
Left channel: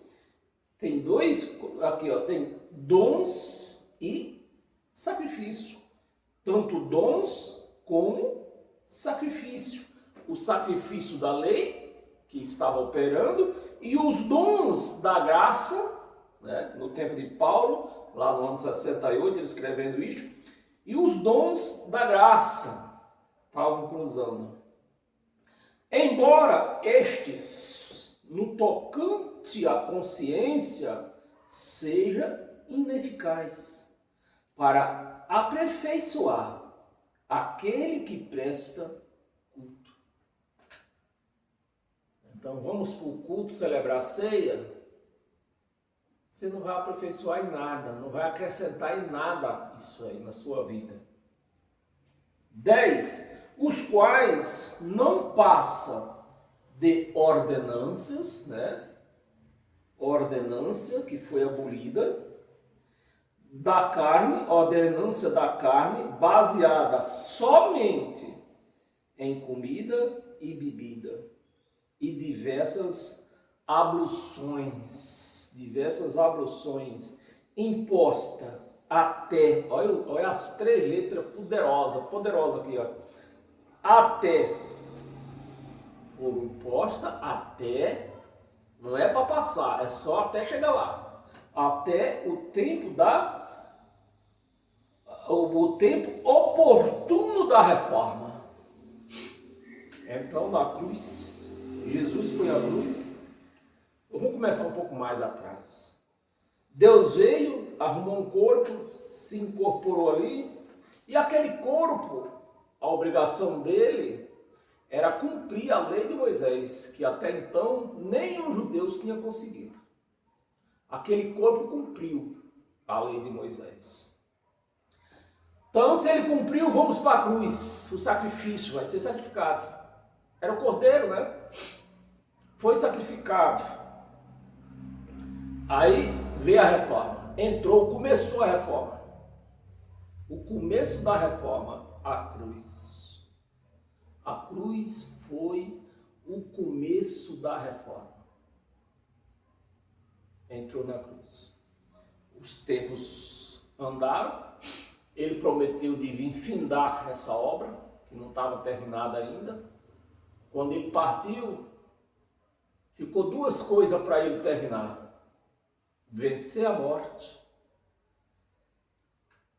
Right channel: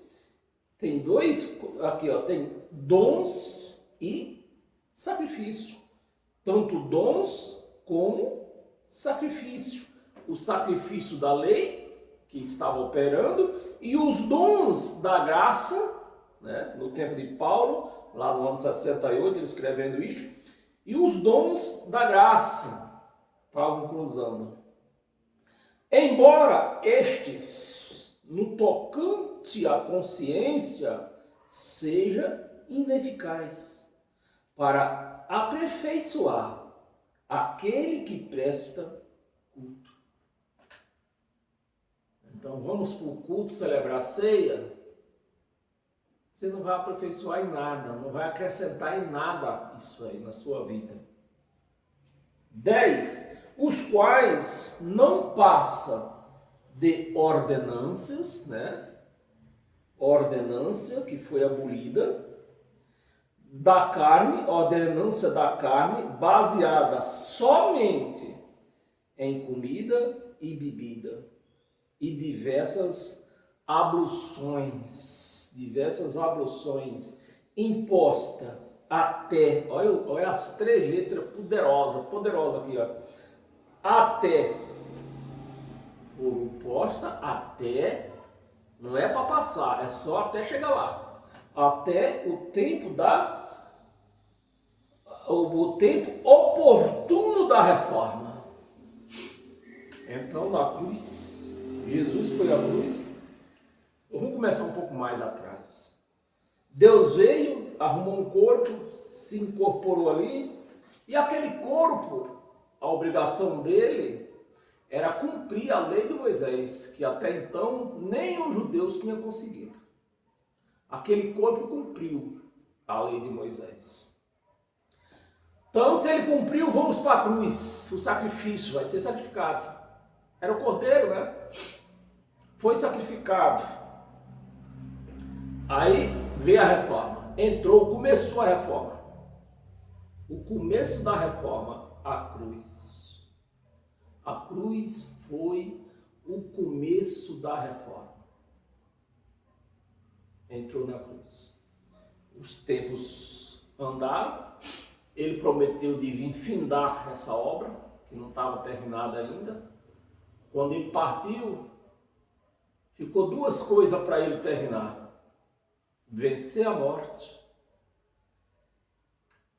aqui ó, tem dons e sacrifício. Tanto dons como sacrifício. O sacrifício da lei, que estava operando, e os dons da graça, no tempo de Paulo, lá no ano 68, ele escrevendo isto, e os dons da graça estavam cruzando. Embora estes, no tocante à consciência, seja ineficaz para aperfeiçoar aquele que presta culto. Então vamos para o culto celebrar a ceia. Você não vai aperfeiçoar em nada, não vai acrescentar em nada isso aí na sua vida. 10. Os quais não passam de ordenanças, ordenança que foi abolida, da carne, ordenança da carne, baseada somente em comida e bebida, e diversas abluções imposta até, olha as 3 letras poderosa aqui, ó. Até, foram imposta até, não é para passar, é só até chegar lá. Até o tempo o tempo oportuno da reforma. Então, na cruz, Jesus foi à cruz. Vamos começar um pouco mais atrás. Deus veio, arrumou um corpo, se incorporou ali, e aquele corpo, a obrigação dele era cumprir a lei de Moisés, que até então nenhum judeu tinha conseguido. Aquele corpo cumpriu a lei de Moisés. Então, se ele cumpriu, vamos para a cruz. O sacrifício vai ser sacrificado. Era o cordeiro, né? Foi sacrificado. Aí veio a reforma. Entrou, começou a reforma. O começo da reforma, a cruz. A cruz foi o começo da reforma. Entrou na cruz. Os tempos andaram. Ele prometeu de vir findar essa obra, que não estava terminada ainda. Quando ele partiu, ficou duas coisas para ele terminar: vencer a morte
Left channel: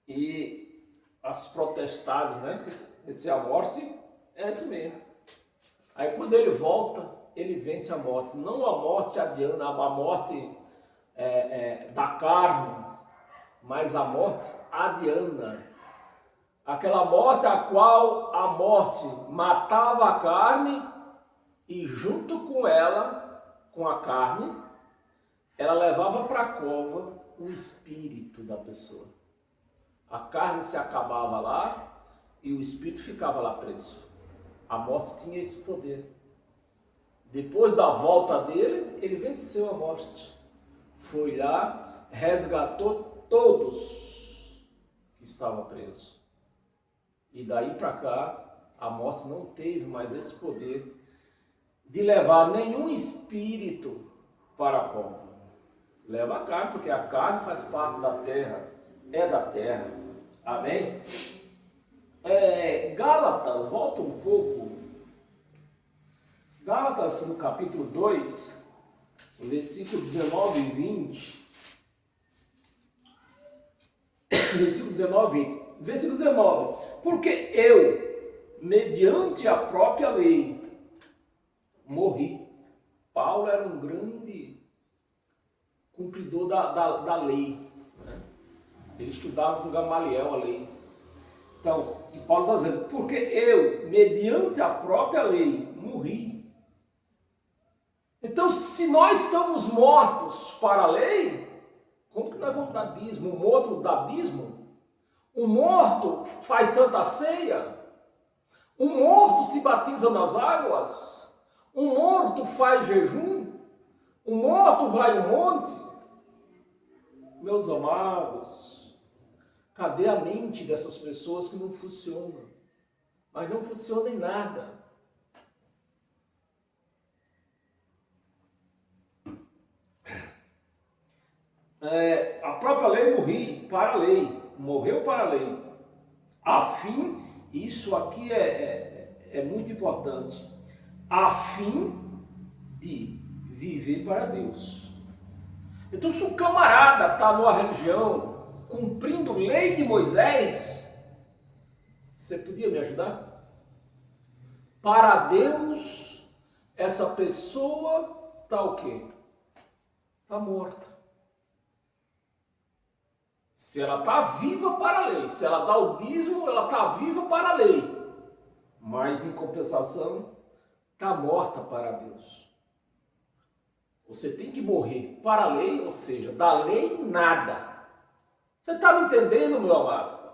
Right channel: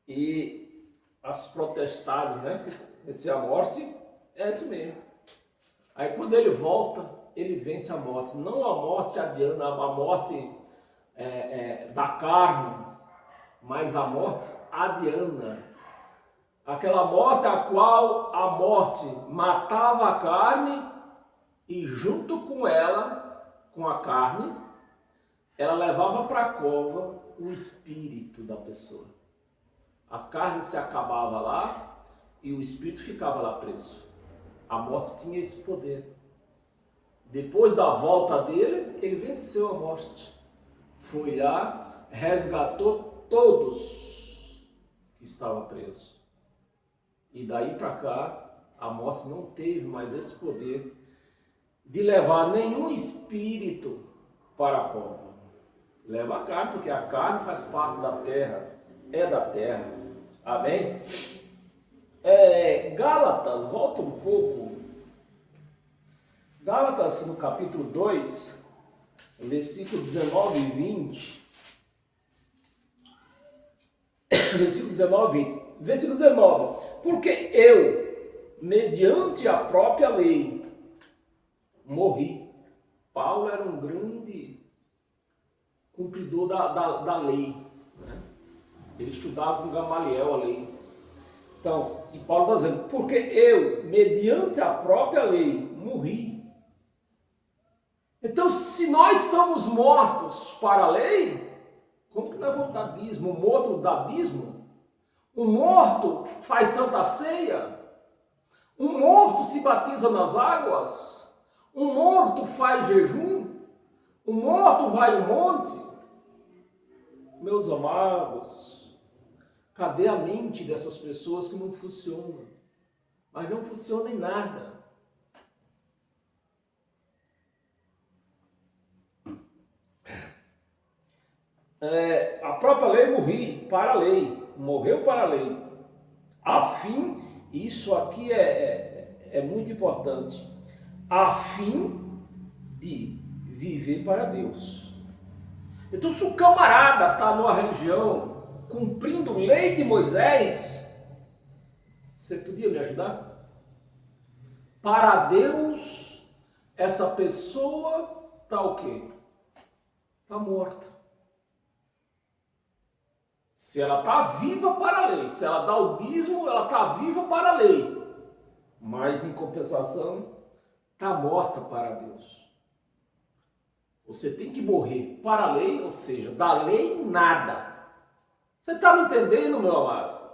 e as potestades, né? Vencer a morte é isso mesmo. Aí quando ele volta, ele vence a morte. Não a morte adiana, a morte da carne, mas a morte adiana. Aquela morte a qual a morte matava a carne e junto com ela, com a carne, ela levava para a cova o espírito da pessoa. A carne se acabava lá e o espírito ficava lá preso. A morte tinha esse poder. Depois da volta dele, ele venceu a morte. Foi lá, resgatou todos que estavam presos. E daí para cá, a morte não teve mais esse poder de levar nenhum espírito para a cova. Leva a carne, porque a carne faz parte da terra, é da terra. Amém? Gálatas, volta um pouco. Gálatas, no capítulo 2, versículo 19 e 20. Versículo 19 e 20. Versículo 19. Porque eu, mediante a própria lei, morri. Paulo era um grande cumpridor da lei. Né? Ele estudava com Gamaliel a lei. Então, e Paulo está dizendo, porque eu, mediante a própria lei, morri. Então, se nós estamos mortos para a lei, como que nós vamos do abismo? O morto do abismo? Um morto faz santa ceia? Um morto se batiza nas águas? Um morto faz jejum? Um morto vai ao monte? Meus amados, cadê a mente dessas pessoas que não funcionam? Mas não funciona em nada. A própria lei morri para a lei, morreu para a lei, a fim, isso aqui é muito importante, a fim de viver para Deus. Então, se o camarada está numa religião cumprindo lei de Moisés, você podia me ajudar? Para Deus, essa pessoa está o quê? Está morta. Se ela está viva para a lei, se ela dá o dízimo, ela está viva para a lei. Mas, em compensação, está morta para Deus. Você tem que morrer para a lei, ou seja, da lei nada. Você está me entendendo, meu amado?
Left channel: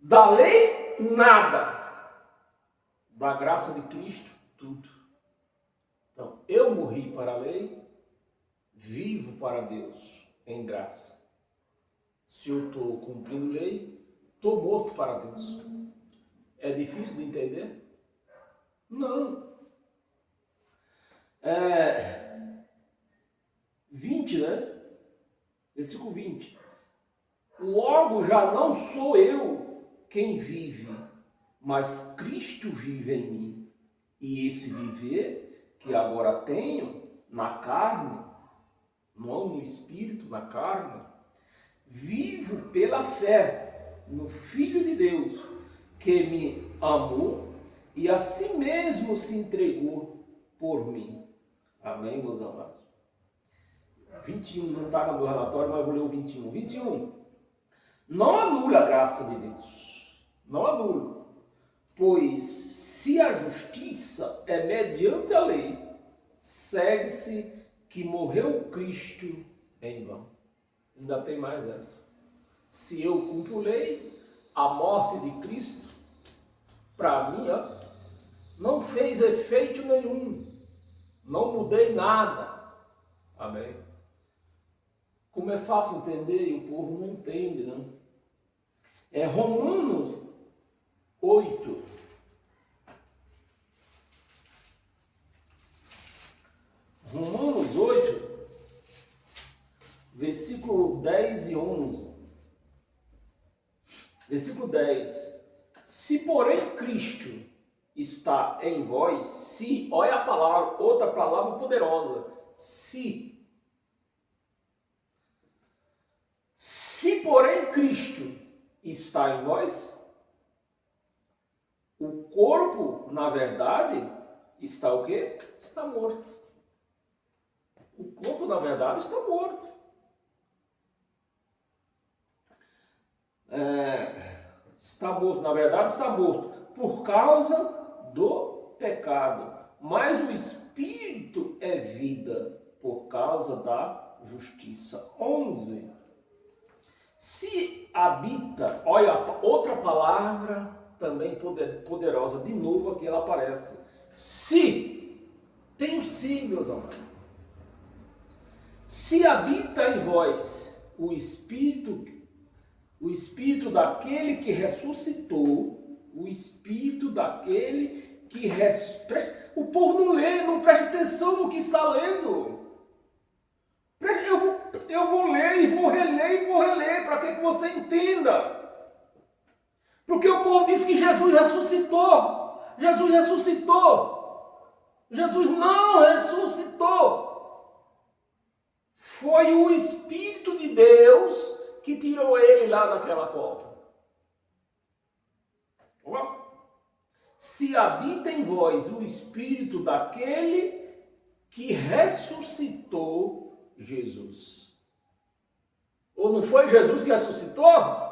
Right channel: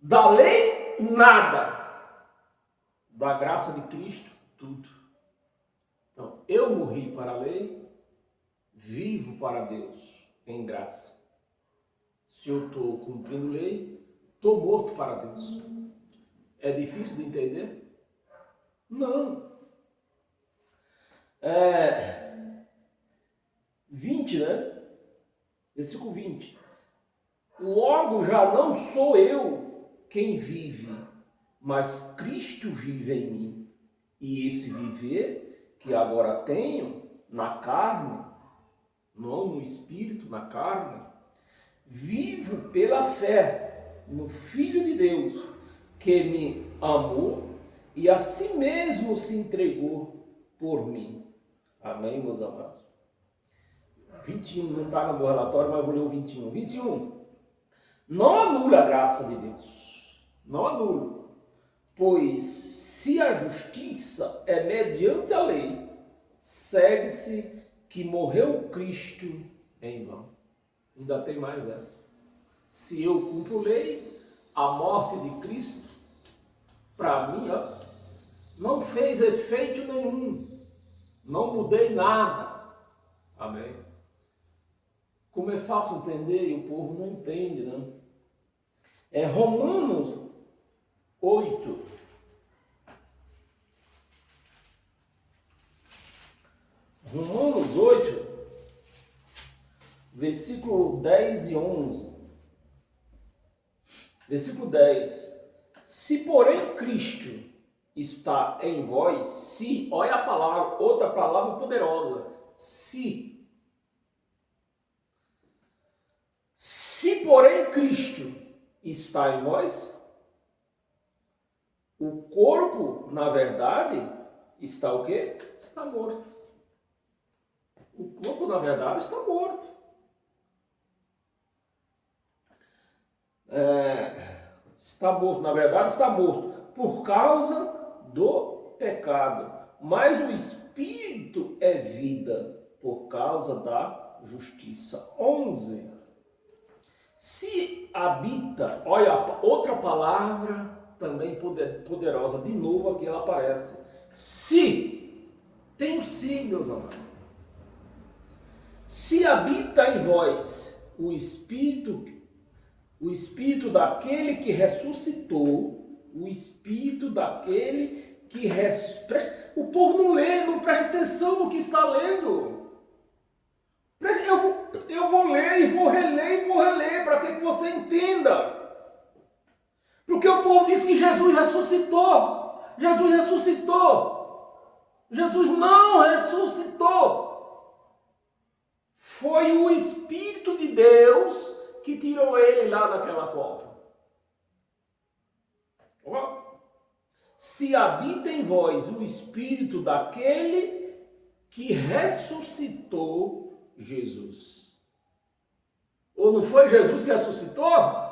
Da lei nada. Da graça de Cristo, tudo. Então, eu morri para a lei, vivo para Deus, em graça. Se eu estou cumprindo lei, estou morto para Deus. É difícil de entender? Não. 20, né? Versículo 20. Logo já não sou eu quem vive, mas Cristo vive em mim. E esse viver que agora tenho na carne, não no espírito, na carne, vivo pela fé no Filho de Deus, que me amou e a si mesmo se entregou por mim. Amém, meus amados? 21, não está no meu relatório, mas eu vou ler o 21. 21. Não anula a graça de Deus. Não anula. Pois se a justiça é mediante a lei, segue-se que morreu Cristo em vão. Ainda tem mais essa. Se eu cumpro lei, a morte de Cristo, para mim, não fez efeito nenhum. Não mudei nada. Amém? Como é fácil entender e o povo não entende, né? É Romanos 8. Romanos 8, versículo 10 e 11. Versículo 10. Se porém Cristo está em vós, se, olha a palavra, outra palavra poderosa, se porém Cristo está em vós, o corpo, na verdade, está o quê? Está morto. O corpo, na verdade, está morto. Está morto, na verdade, está morto por causa do pecado. Mas o espírito é vida por causa da justiça. 11. Se habita, olha, outra palavra também poderosa, de novo aqui ela aparece. Se, tem o se, meus amados. Se habita em vós o Espírito daquele que ressuscitou, o Espírito daquele que ressuscitou. O povo não lê, não presta atenção no que está lendo. Eu vou ler e vou reler, para que você entenda. Porque o povo diz que Jesus ressuscitou. Jesus ressuscitou. Jesus não ressuscitou. Foi o Espírito de Deus que tirou ele lá daquela cova. Se habita em vós o Espírito daquele que ressuscitou Jesus. Ou não foi Jesus que ressuscitou?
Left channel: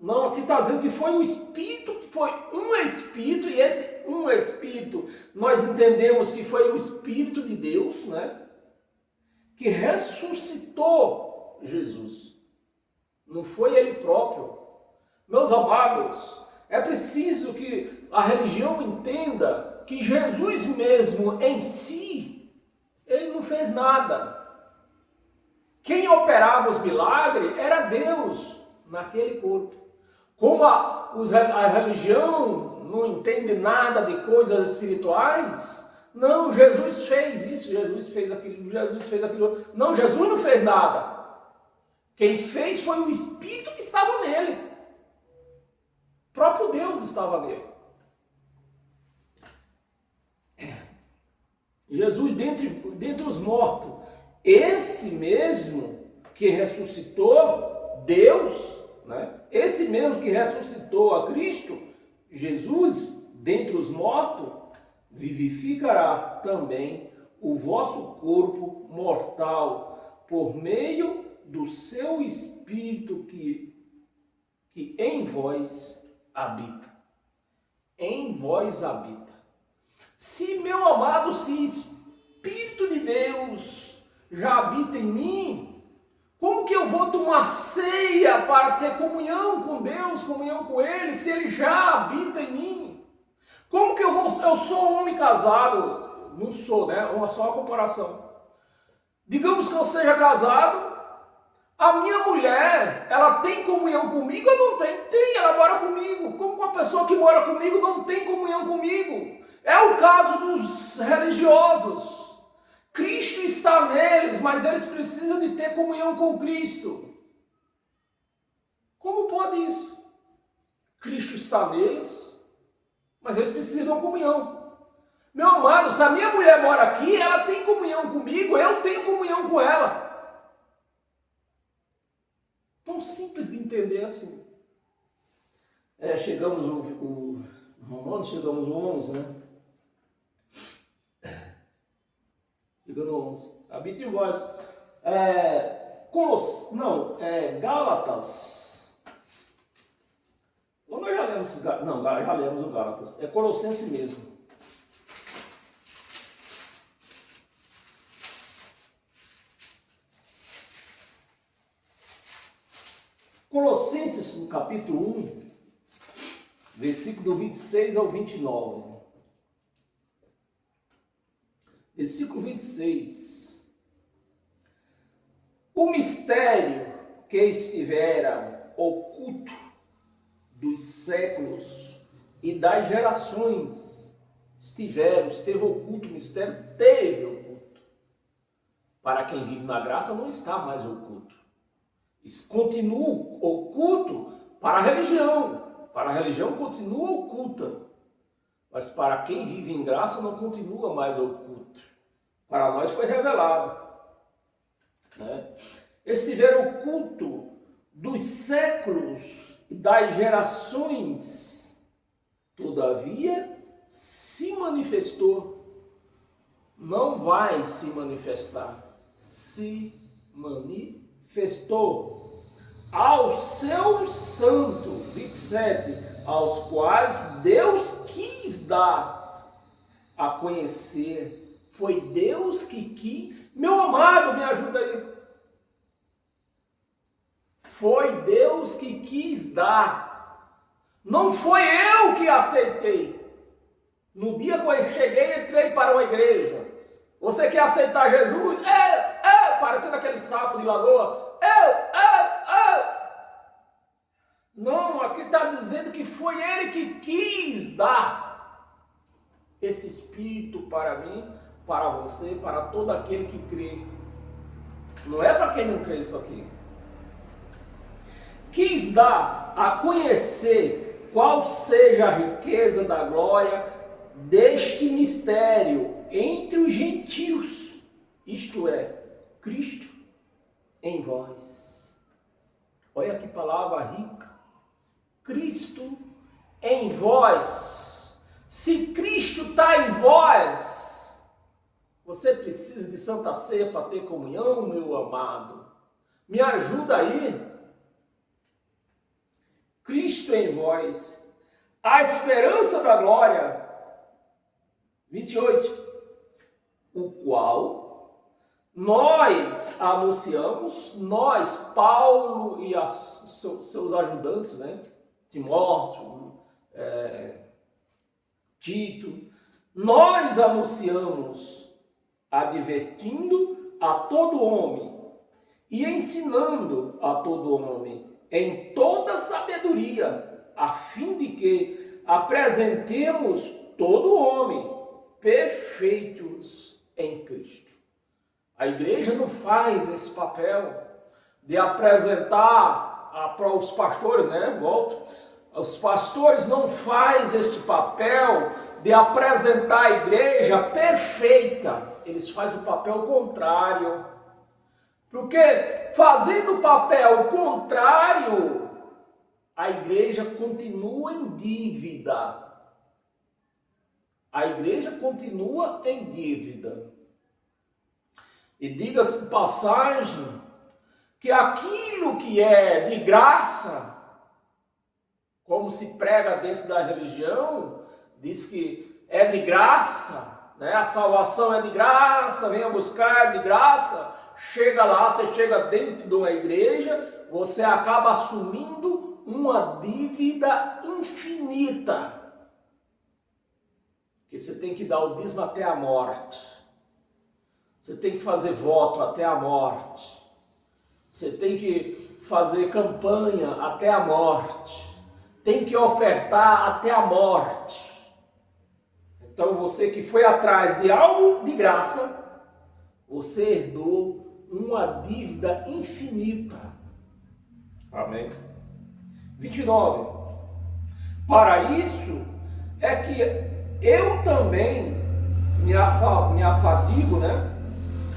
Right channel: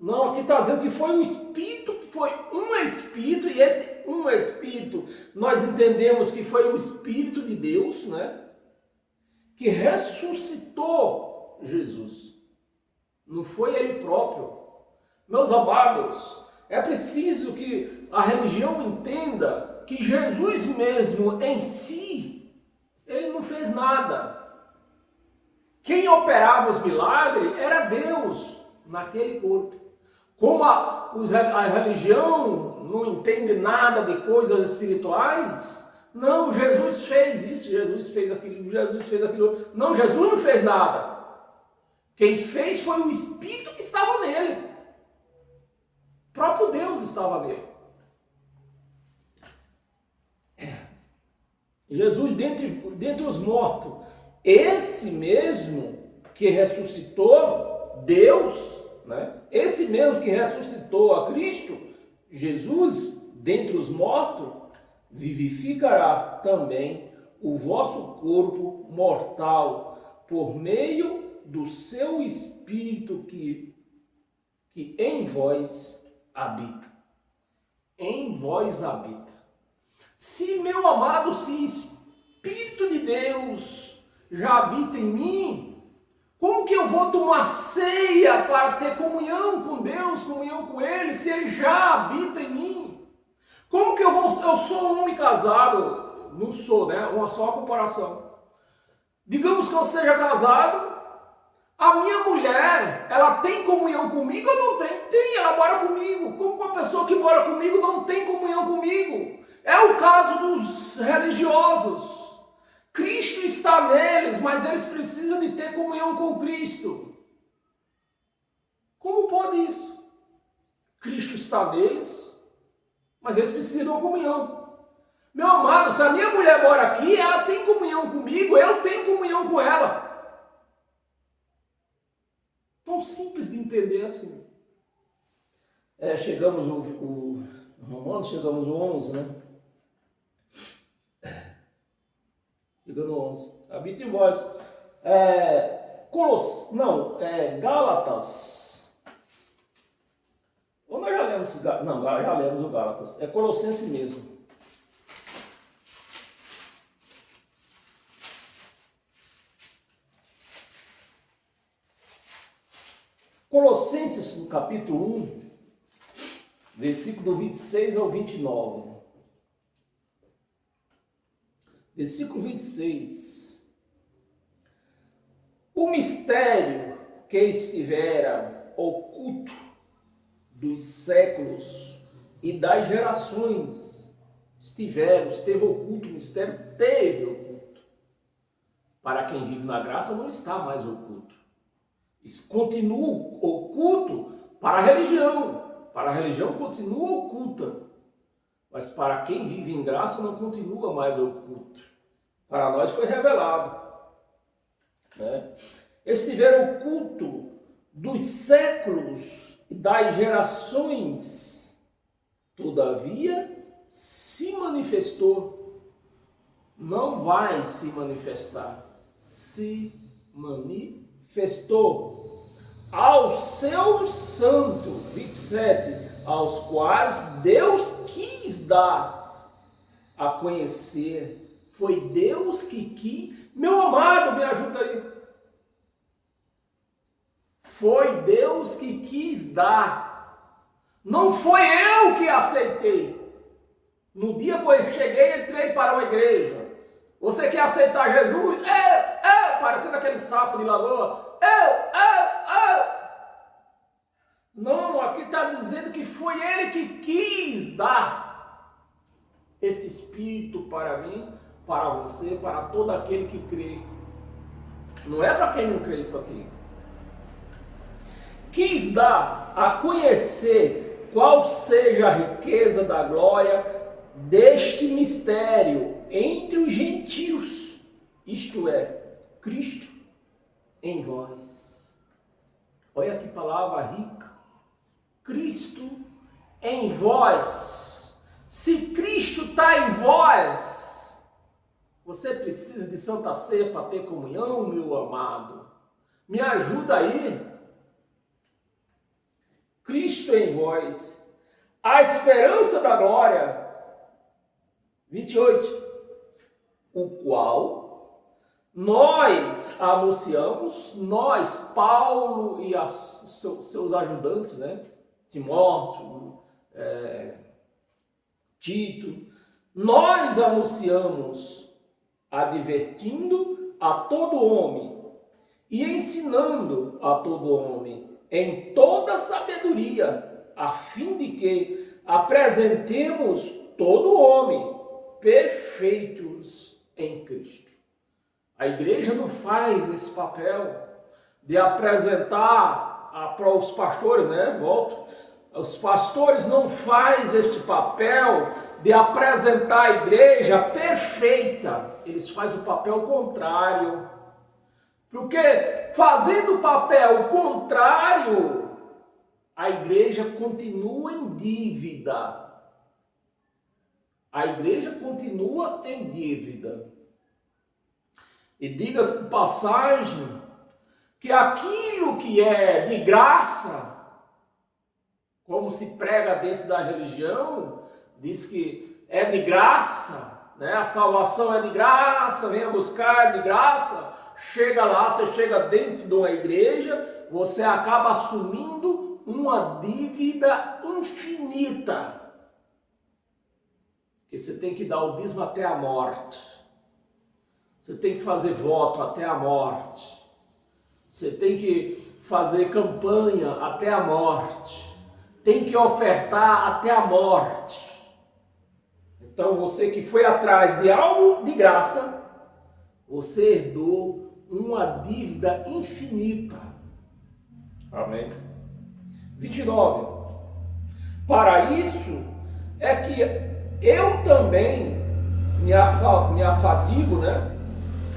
Não, aqui está dizendo que foi o Espírito, que foi um Espírito, e esse um Espírito, nós entendemos que foi o Espírito de Deus, né? Que ressuscitou Jesus. Não foi ele próprio. Meus amados, é preciso que a religião entenda que Jesus mesmo em si, ele não fez nada. Quem operava os milagres era Deus naquele corpo. Como a religião não entende nada de coisas espirituais, não, Jesus fez isso, Jesus fez aquilo, Jesus fez aquilo. Não, Jesus não fez nada. Quem fez foi o Espírito que estava nele. O próprio Deus estava nele. Jesus dentre os mortos, esse mesmo que ressuscitou Deus, né? Esse mesmo que ressuscitou a Cristo, Jesus, dentre os mortos, vivificará também o vosso corpo mortal por meio do seu Espírito que em vós habita. Em vós habita. Se, meu amado, se Espírito de Deus já habita em mim, como que eu vou tomar ceia para ter comunhão com Deus, comunhão com Ele, se Ele já habita em mim? Como que eu sou um homem casado? Não sou, né? Só uma comparação. Digamos que eu seja casado, a minha mulher, ela tem comunhão comigo ou não tem? Tem, ela mora comigo. Como uma pessoa que mora comigo não tem comunhão comigo? É o caso dos religiosos. Cristo está neles, mas eles precisam de ter comunhão com Cristo. Como pode isso? Cristo está neles, mas eles precisam de uma comunhão. Meu amado, se a minha mulher mora aqui, ela tem comunhão comigo, eu tenho comunhão com ela. Tão simples de entender assim. Chegamos Romanos, chegamos no 11, né? Chegando no 11. Habita em vós. Gálatas. Ou nós já lemos lemos, não, já lemos o Gálatas. É Colossenses mesmo. Colossenses, no capítulo 1, versículo 26 ao 29. Versículo 26. O mistério que estivera oculto dos séculos e das gerações esteve oculto, o mistério teve oculto. Para quem vive na graça não está mais oculto. Isso continua oculto para a religião. Para a religião continua oculta. Mas para quem vive em graça não continua mais oculto. Para nós foi revelado. Né? Estiveram oculto dos séculos e das gerações. Todavia, se manifestou. Não vai se manifestar. Se manifestou ao seu santo, 27, aos quais Deus quis dar a conhecer. Foi Deus que quis. Meu amado, me ajuda aí. Foi Deus que quis dar. Não foi eu que aceitei. No dia que eu cheguei, entrei para uma igreja. Você quer aceitar Jesus? Parecendo aquele sapo de lagoa. Não, aqui está dizendo que foi Ele que quis dar esse Espírito para mim, para você, para todo aquele que crê. Não é para quem não crê isso aqui. Quis dar a conhecer qual seja a riqueza da glória deste mistério entre os gentios, isto é, Cristo em vós. Olha que palavra rica. Cristo em vós. Se Cristo está em vós, você precisa de Santa Ceia para ter comunhão, meu amado. Me ajuda aí. Cristo em vós, a esperança da glória. 28. O qual nós anunciamos, nós, Paulo e seus ajudantes, né? Timóteo, Tito, nós anunciamos, advertindo a todo homem e ensinando a todo homem em toda sabedoria, a fim de que apresentemos todo homem perfeitos em Cristo. A igreja não faz esse papel de apresentar para os pastores, né? Os pastores não fazem este papel de apresentar a igreja perfeita. Eles fazem o papel contrário. Porque fazendo o papel contrário, a igreja continua em dívida. A igreja continua em dívida. E diga-se de passagem que aquilo que é de graça, como se prega dentro da religião, diz que é de graça, né? A salvação é de graça, venha buscar de graça. Chega lá, você chega dentro de uma igreja, você acaba assumindo uma dívida infinita. Que você tem que dar o dízimo até a morte. Você tem que fazer voto até a morte. Você tem que fazer campanha até a morte. Tem que ofertar até a morte. Então você que foi atrás de algo de graça, você herdou uma dívida infinita. Amém. 29. Para isso é que eu também me afadigo, né?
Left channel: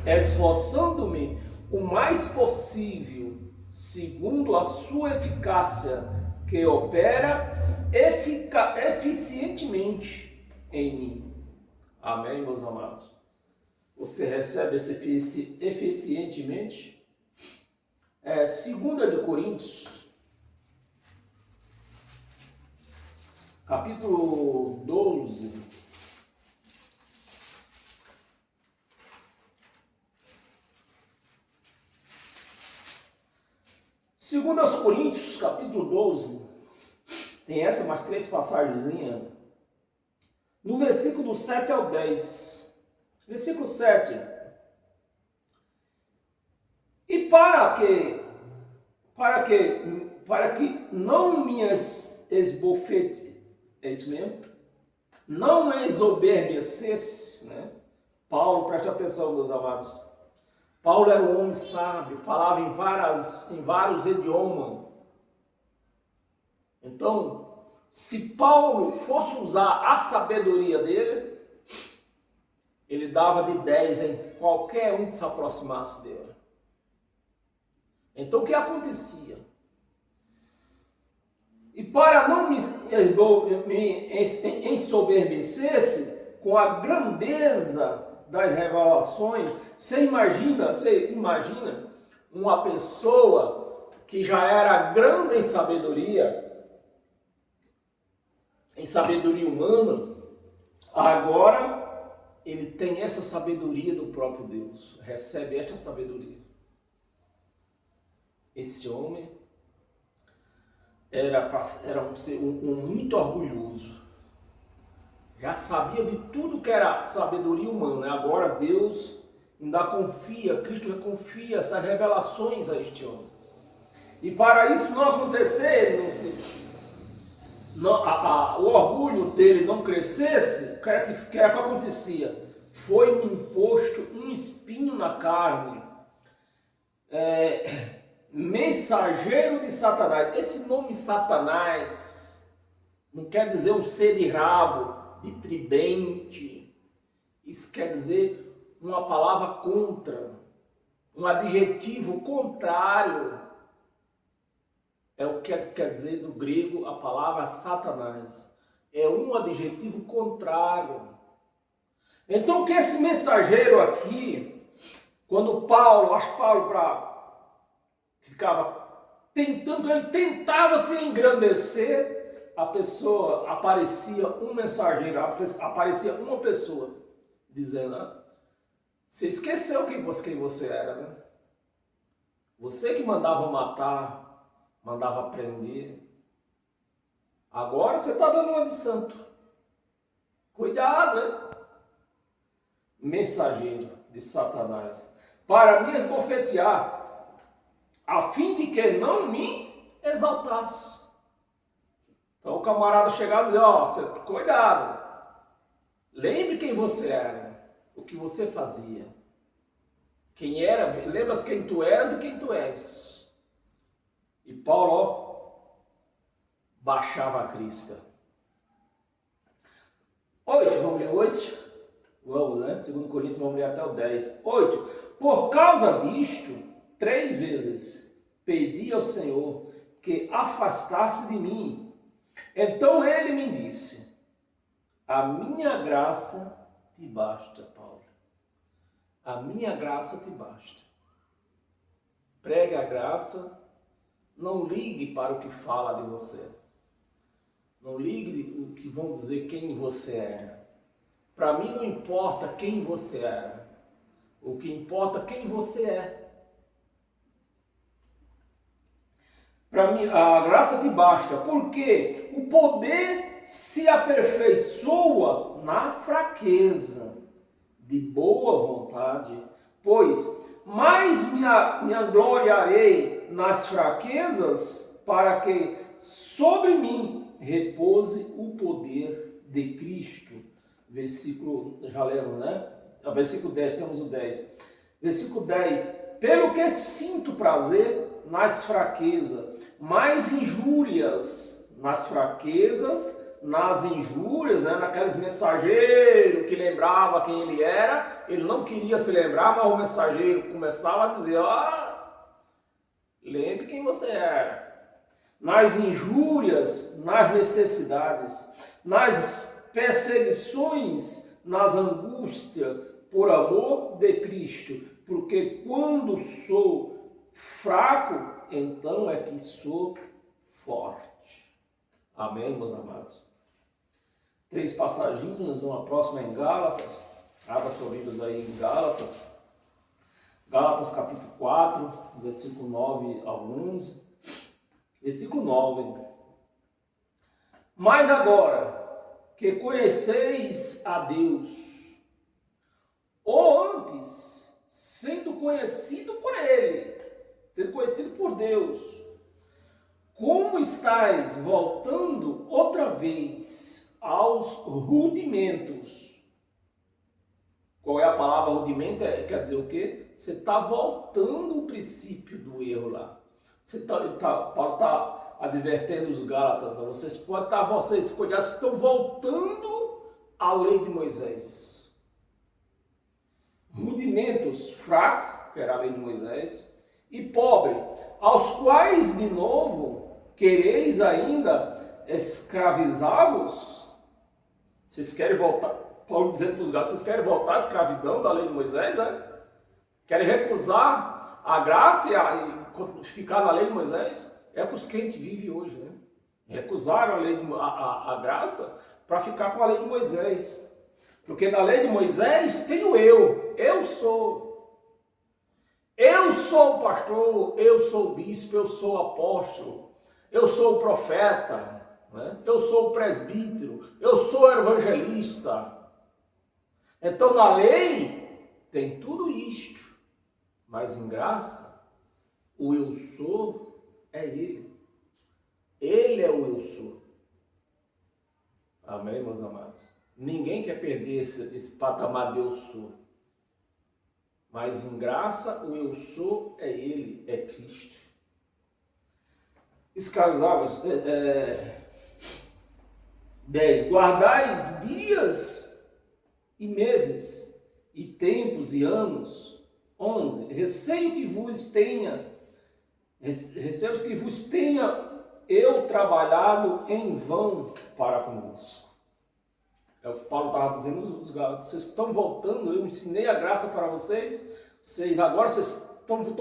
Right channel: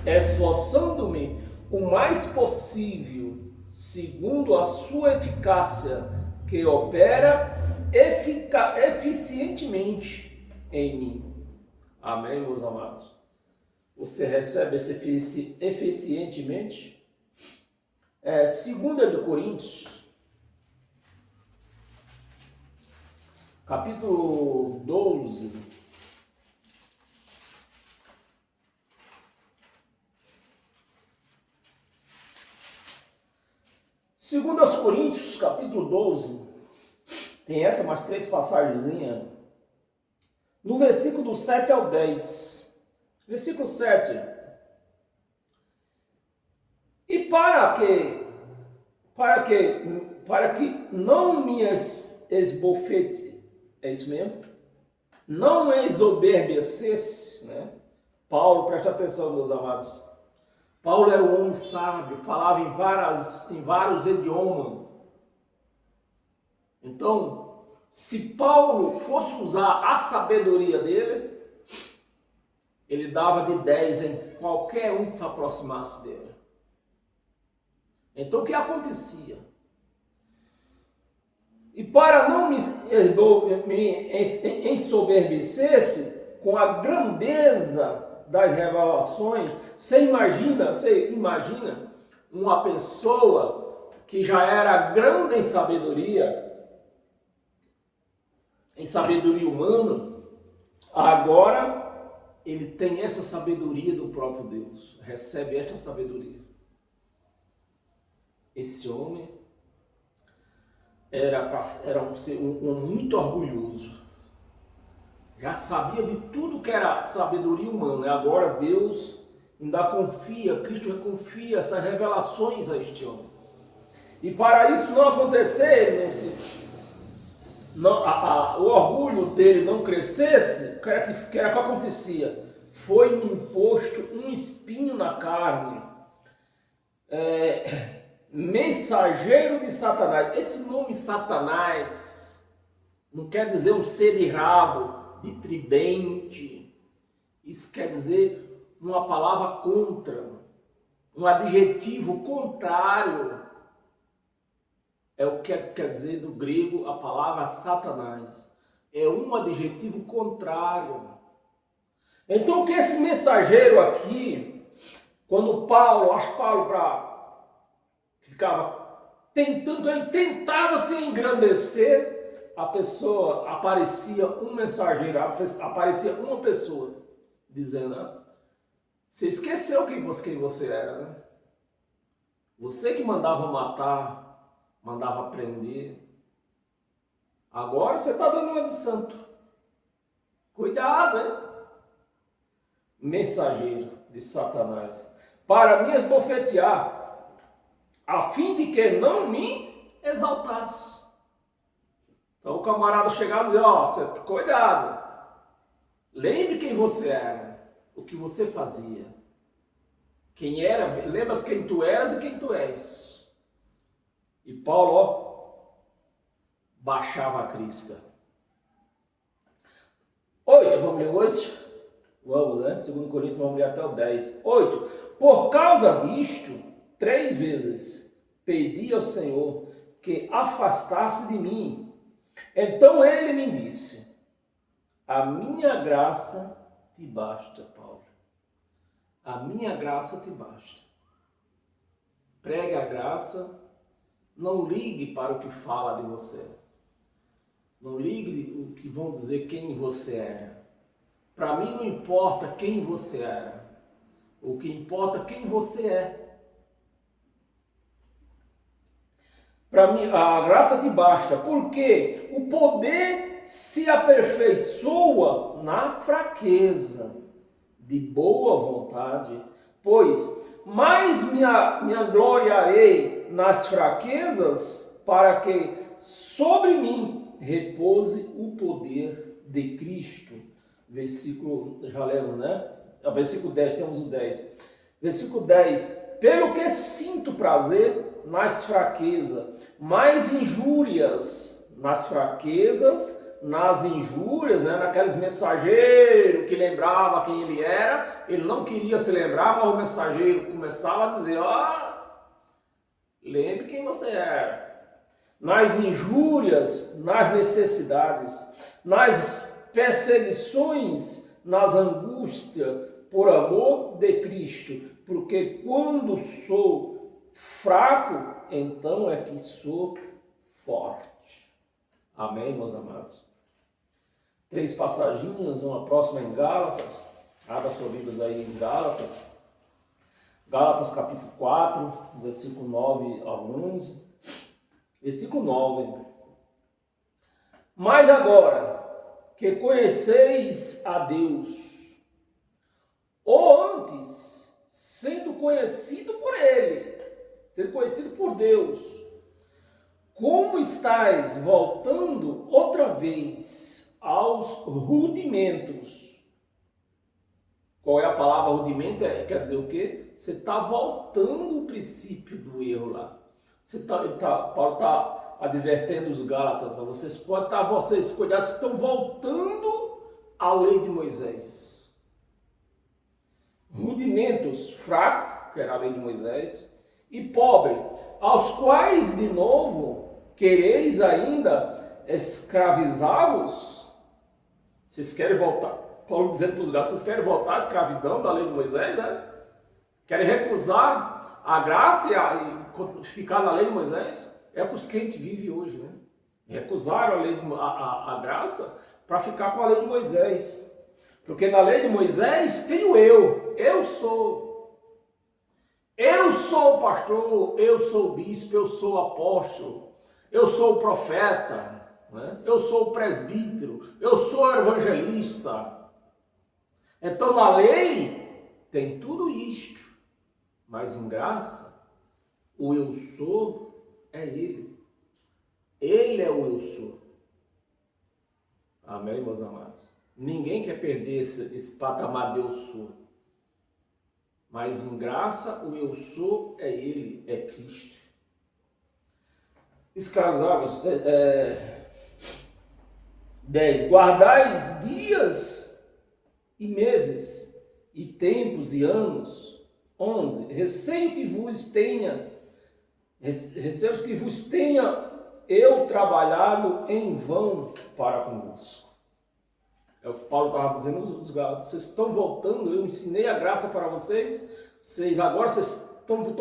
Esforçando-me o mais possível, segundo a sua eficácia, que opera eficientemente em mim. Amém, meus amados? Você recebe esse eficientemente? 2 de Coríntios, capítulo 12. Segundo aos Coríntios, capítulo 12, tem essa, mais 3 passagens. No versículo do 7 ao 10. Versículo 7. E para que não me esbofete, é isso mesmo? Não exoberbecesse, né? Paulo, presta atenção, meus amados. Paulo era um homem sábio, falava em vários idiomas. Então, se Paulo fosse usar a sabedoria dele, ele dava de 10 em qualquer um que se aproximasse dele. Então, o que acontecia? E para não me ensoberbecesse com a grandeza das revelações, você imagina uma pessoa que já era grande em sabedoria humana, agora ele tem essa sabedoria do próprio Deus, recebe esta sabedoria. Esse homem era um muito orgulhoso. Já sabia de tudo que era sabedoria humana. Agora Deus ainda confia, Cristo confia essas revelações a este homem. E para isso não acontecer, o orgulho dele não crescesse, o que era que acontecia? Foi-me imposto um espinho na carne. Mensageiro de Satanás. Esse nome Satanás não quer dizer um ser de rabo, de tridente. Isso quer dizer uma palavra contra, um adjetivo contrário. É o que quer dizer do grego a palavra Satanás. É um adjetivo contrário. Então, o que esse mensageiro aqui, quando Paulo ele tentava se engrandecer, a pessoa, aparecia um mensageiro, aparecia uma pessoa, dizendo, você esqueceu quem você era, né? Você que mandava matar, mandava prender, agora você está dando uma de santo. Cuidado, hein? Mensageiro de Satanás, para me esbofetear, a fim de que não me exaltasse. Então o camarada chegava e dizia, cuidado, lembre quem você era, o que você fazia, quem era, lembra quem tu eras e quem tu és. E Paulo, baixava a crista. 8, vamos ler 8? Vamos, né? 2 Coríntios, vamos ler até o 10. 8, por causa disto, 3 vezes pedi ao Senhor que afastasse de mim. Então ele me disse, a minha graça te basta, Paulo. A minha graça te basta. Pregue a graça, não ligue para o que fala de você. Não ligue o que vão dizer quem você é. Para mim não importa quem você é. O que importa é quem você é. Para mim, a graça te basta, porque o poder se aperfeiçoa na fraqueza, de boa vontade, pois mais me gloriarei nas fraquezas, para que sobre mim repouse o poder de Cristo. Versículo, já lemos, né? Versículo 10, temos o 10. Versículo 10, pelo que sinto prazer nas fraquezas, mais injúrias nas fraquezas, nas injúrias, né? Naqueles mensageiros que lembrava quem ele era, ele não queria se lembrar, mas o mensageiro começava a dizer, lembre quem você era. Nas injúrias, nas necessidades, nas perseguições, nas angústias, por amor de Cristo, porque quando sou fraco, então é que sou forte. Amém, meus amados? 3 passaginhas, uma próxima em Gálatas. Abra sua Bíblia aí em Gálatas. Gálatas capítulo 4, versículo 9 a 11. Versículo 9. Mas agora que conheceis a Deus, ou antes, sendo conhecido por Ele, sendo conhecido por Deus, como estáis voltando outra vez aos rudimentos? Qual é a palavra rudimento? Quer dizer o quê? Você está voltando o princípio do erro lá. Paulo está advertendo os Gálatas. Vocês cuidado, estão voltando à lei de Moisés. Rudimentos, fraco, que era a lei de Moisés, e pobre, aos quais de novo quereis ainda escravizá-los? Vocês querem voltar? Paulo dizendo para os Gálatas, vocês querem voltar à escravidão da lei de Moisés, né? Querem recusar a graça e ficar na lei de Moisés? É o que os crentes vivem hoje, né? Recusaram a graça para ficar com a lei de Moisés. Porque na lei de Moisés tem o eu sou. Eu sou o pastor, eu sou o bispo, eu sou o apóstolo, eu sou o profeta, né? Eu sou o presbítero, eu sou o evangelista. Então na lei tem tudo isto, mas em graça o eu sou é Ele. Ele é o eu sou. Amém, meus amados? Ninguém quer perder esse patamar de eu sou. Mas em graça o eu sou é Ele, é Cristo. Escravos, 10. Guardais dias e meses, e tempos e anos. 11. Receio que vos tenha eu trabalhado em vão para convosco. É o que Paulo estava dizendo aos Gálatas. Vocês estão voltando, eu ensinei a graça para vocês, estou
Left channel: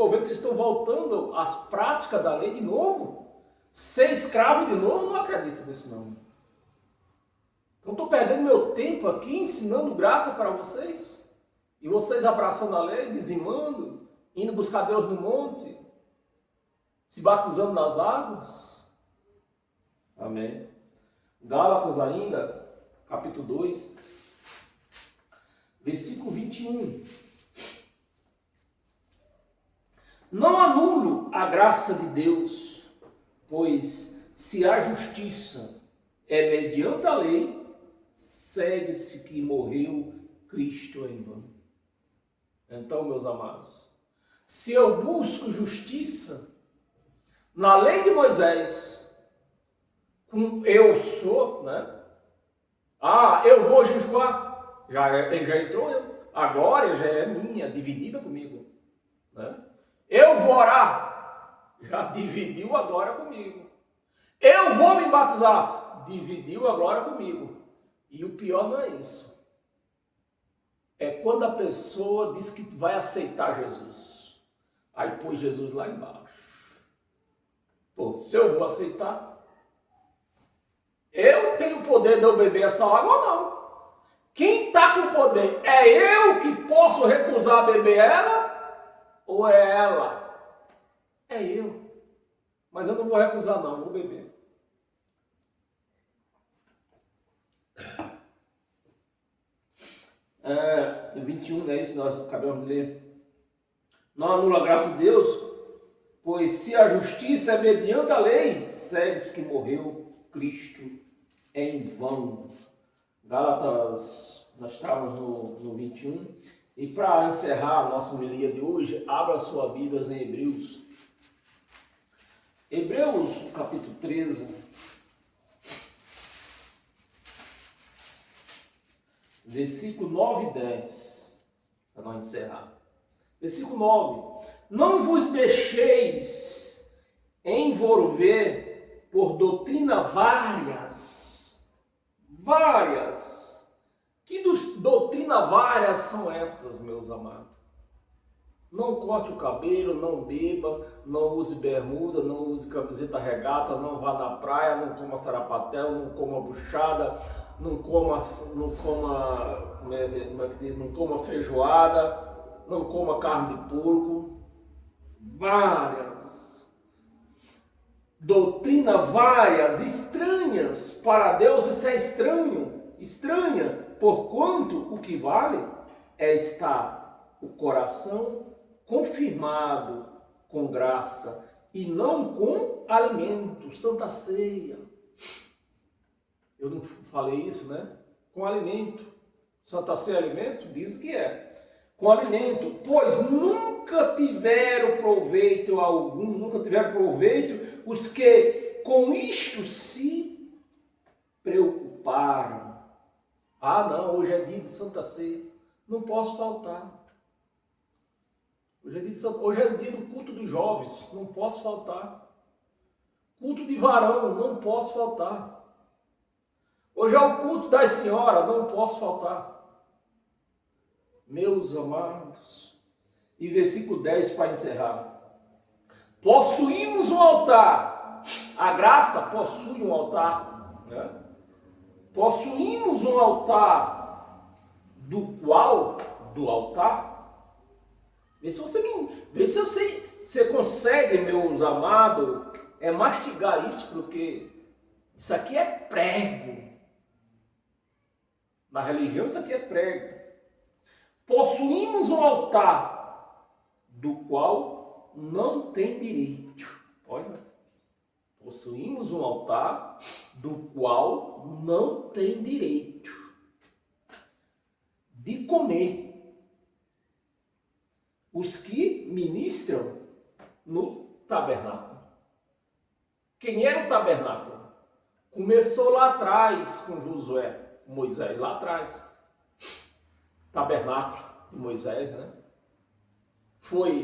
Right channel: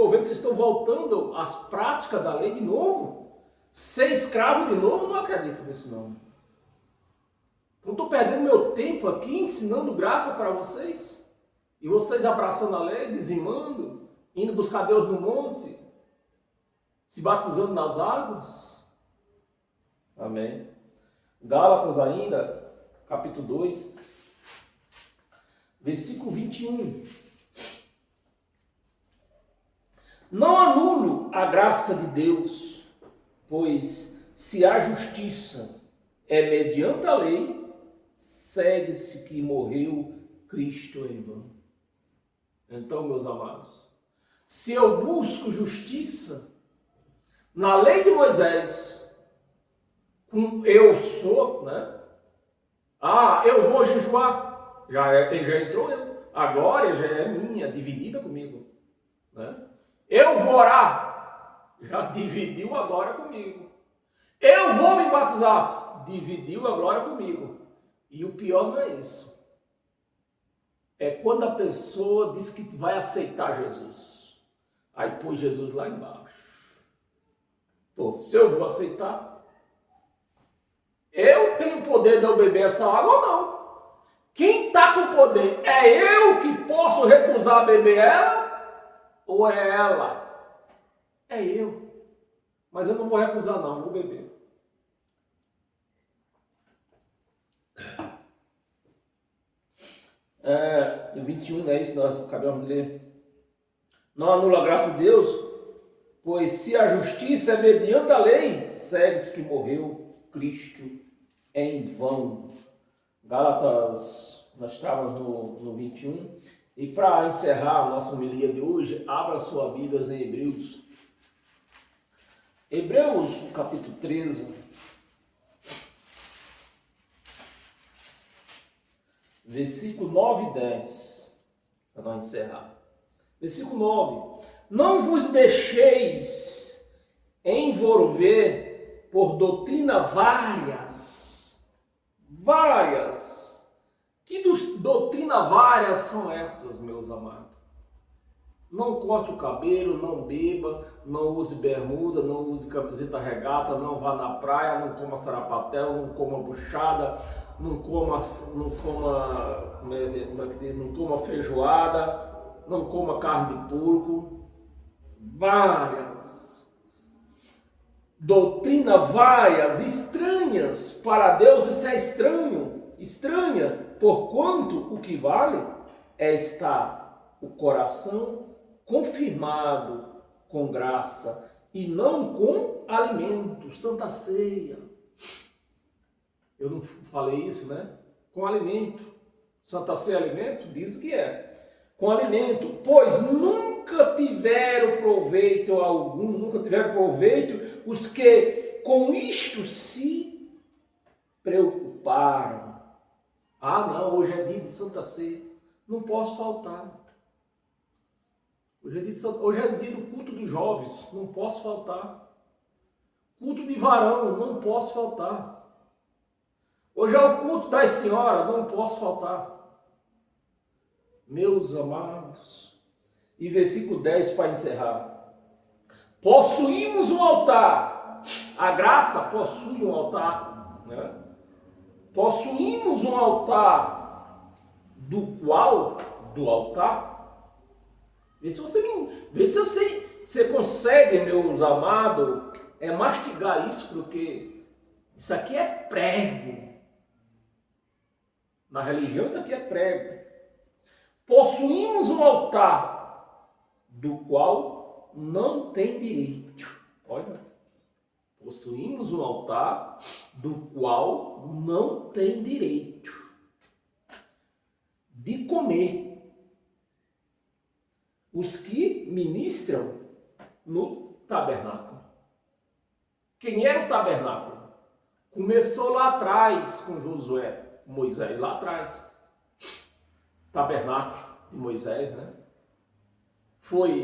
vendo que vocês estão voltando às práticas da lei de novo. Ser escravo de novo, eu não acredito nisso não. Então estou perdendo meu tempo aqui ensinando graça para vocês, e vocês abraçando a lei, dizimando, indo buscar Deus no monte, se batizando nas águas. Amém. Gálatas ainda, capítulo 2, versículo 21. Não anulo a graça de Deus, pois se a justiça é mediante a lei, segue-se que morreu Cristo em vão. Então, meus amados, se eu busco justiça na lei de Moisés, com eu sou, né? Eu vou jejuar, já entrou eu, agora já é minha, dividida comigo, né? Eu vou orar, já dividiu agora comigo. Eu vou me batizar, dividiu agora comigo. E o pior não é isso. É quando a pessoa diz que vai aceitar Jesus. Aí põe Jesus lá embaixo. Pô, se eu vou aceitar, eu tenho poder de eu beber essa água ou não? Quem está com poder? É eu que posso recusar beber ela? Ou é ela? É eu. Mas eu não vou recusar não, eu vou beber. E 21, né? Isso nós acabamos de ler. Não anula a graça de Deus, pois se a justiça é mediante a lei, segue-se que morreu Cristo em vão. Gálatas, nós estávamos no 21. E para encerrar a nossa homilia de hoje, abra sua Bíblia em Hebreus. Hebreus, capítulo 13. Versículo 9 e 10. Para nós encerrar. Versículo 9. Não vos deixeis envolver por doutrina várias. Que doutrina várias são essas, meus amados? Não corte o cabelo, não beba, não use bermuda, não use camiseta regata, não vá na praia, não coma sarapatel, não coma buchada. não coma feijoada, não coma carne de porco. Várias doutrinas, várias estranhas para Deus. Isso é estranha, porquanto o que vale é estar o coração confirmado com graça e não com alimento, santa ceia. Eu não falei isso, né? Com alimento. Santa ceia é alimento? Diz que é. Com alimento, pois nunca tiveram proveito algum, os que com isto se preocuparam. Ah, não, hoje é dia de Santa Ceia, não posso faltar. Hoje é dia do culto dos jovens, não posso faltar. Culto de varão, não posso faltar. Hoje é o culto das senhoras, não posso faltar. Meus amados, e versículo 10 para encerrar. Possuímos um altar. A graça possui um altar, né? Possuímos um altar, do altar. Vê se você consegue, meus amados, mastigar isso, porque isso aqui é prego. Na religião, isso aqui é prego. Possuímos um altar do qual não tem direito. Olha, possuímos um altar do qual não tem direito de comer os que ministram no tabernáculo. Quem era o tabernáculo? Começou lá atrás com Josué, Moisés, lá atrás. Tabernáculo de Moisés, né?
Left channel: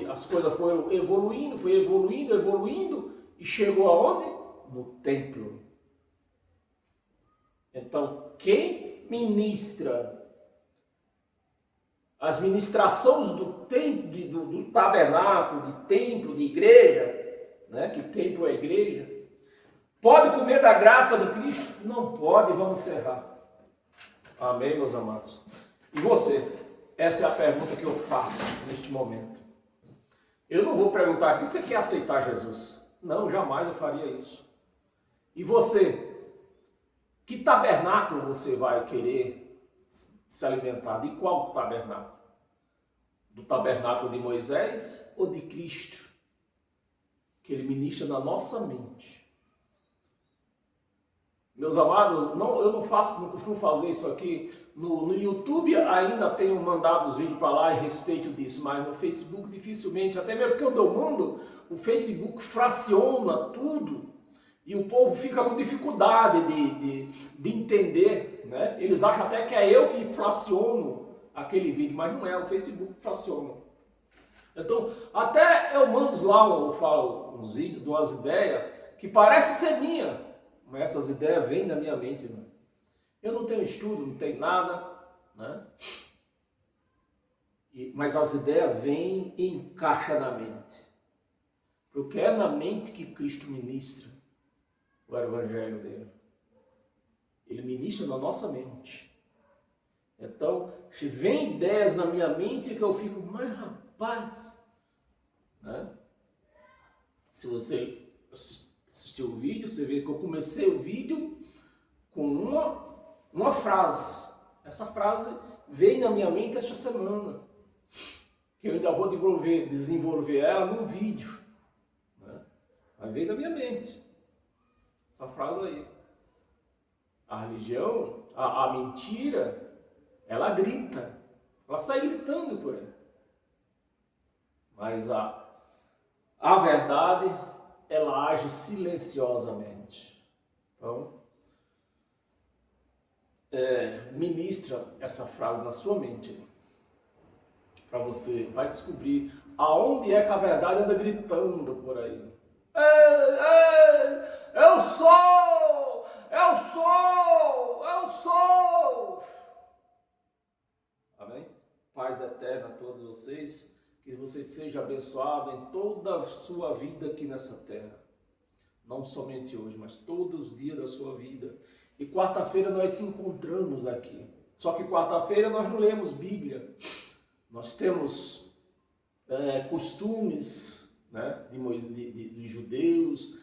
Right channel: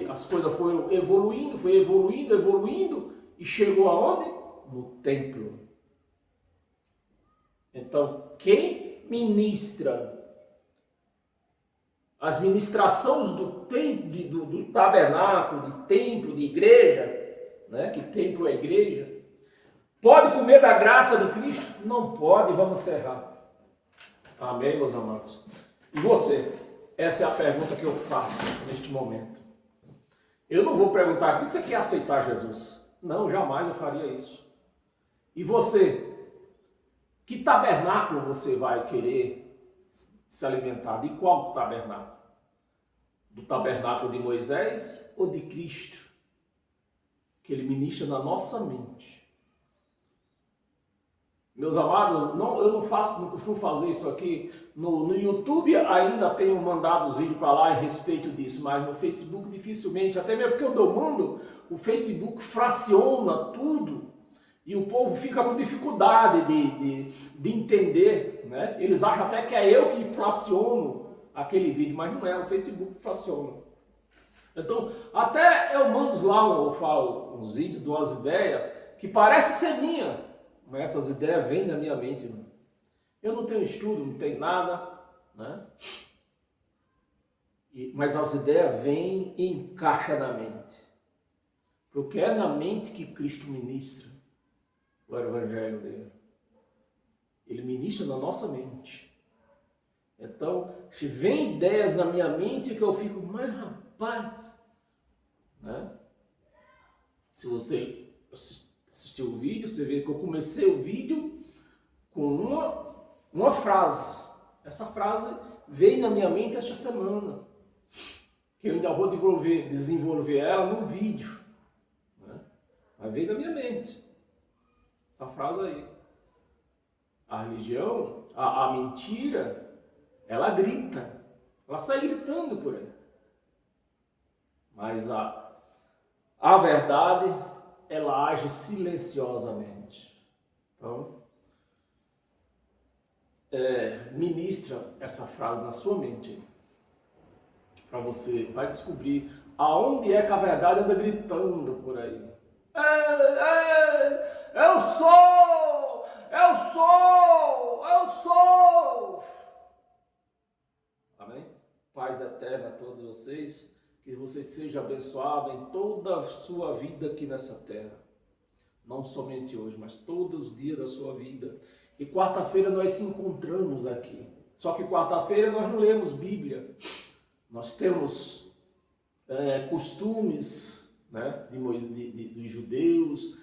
As coisas foram evoluindo e chegou aonde? No templo. Então, quem ministra as ministrações do tabernáculo, de templo, de igreja, né? Que templo é igreja, pode comer da graça de Cristo? Não pode, vamos encerrar. Amém, meus amados? E você? Essa é a pergunta que eu faço neste momento. Eu não vou perguntar aqui, você quer aceitar Jesus? Não, jamais eu faria isso. E você? Que tabernáculo você vai querer se alimentar? De qual tabernáculo? Do tabernáculo de Moisés ou de Cristo? Que ele ministra na nossa mente. Meus amados, eu não costumo fazer isso aqui. No YouTube ainda tenho mandado os vídeos para lá a respeito disso, mas no Facebook dificilmente, até mesmo porque onde eu mando, o Facebook fraciona tudo e o povo fica com dificuldade de entender, né? Eles acham até que é eu que fraciono aquele vídeo, mas não é, o Facebook que fraciona. Então, até eu mando lá, eu falo uns vídeos de umas ideias que parecem ser minhas, mas essas ideias vêm da minha mente, irmão. Eu não tenho estudo, não tenho nada, né? Mas as ideias vêm e encaixam na mente. Porque é na mente que Cristo ministra o evangelho dele. Ele ministra na nossa mente. Então, se vem ideias na minha mente que eu fico, mas rapaz, né? Se você assistiu o vídeo, você vê que eu comecei o vídeo com uma frase. Essa frase veio na minha mente esta semana. Que eu ainda vou desenvolver ela num vídeo. Né? Mas veio na minha mente. Essa frase aí. A religião, a mentira, ela grita. Ela sai gritando por aí. Mas a verdade, ela age silenciosamente. Então, ministra essa frase na sua mente. Para você, vai descobrir aonde é que a verdade anda gritando por aí. Eu sou! Eu sou! Eu sou! Amém? Paz eterna a todos vocês. Que você seja abençoado em toda a sua vida aqui nessa terra. Não somente hoje, mas todos os dias da sua vida. E quarta-feira nós se encontramos aqui. Só que quarta-feira nós não lemos Bíblia. Nós temos costumes, né, de judeus,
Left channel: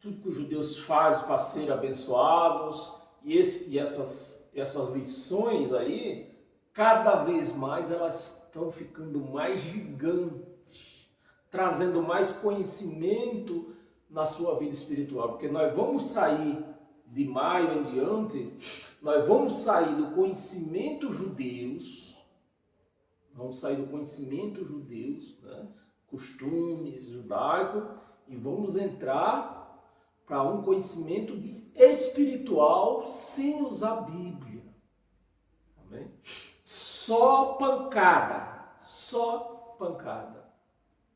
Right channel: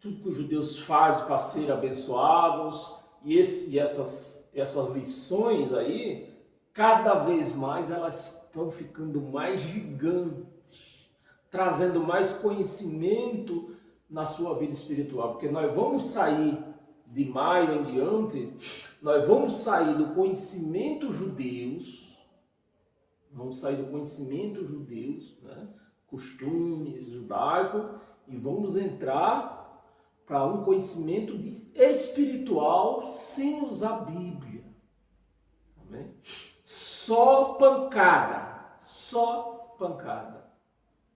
tudo que os judeus fazem para ser abençoados. E essas lições aí, cada vez mais elas estão ficando mais gigantes, trazendo mais conhecimento na sua vida espiritual, porque nós vamos sair de maio em diante, nós vamos sair do conhecimento judeus, né? Costumes judaico, e vamos entrar para um conhecimento espiritual sem usar a Bíblia. Amém? Só pancada,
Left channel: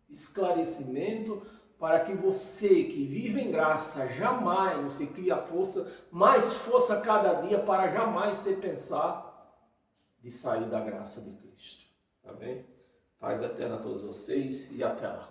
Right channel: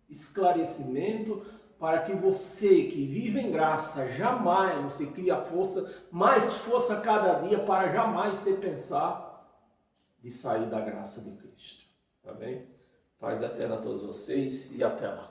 esclarecimento, para que você que vive em graça, jamais você cria mais força cada dia para jamais você pensar de sair da graça de Cristo. Tá bem? Paz eterna a todos vocês e até lá.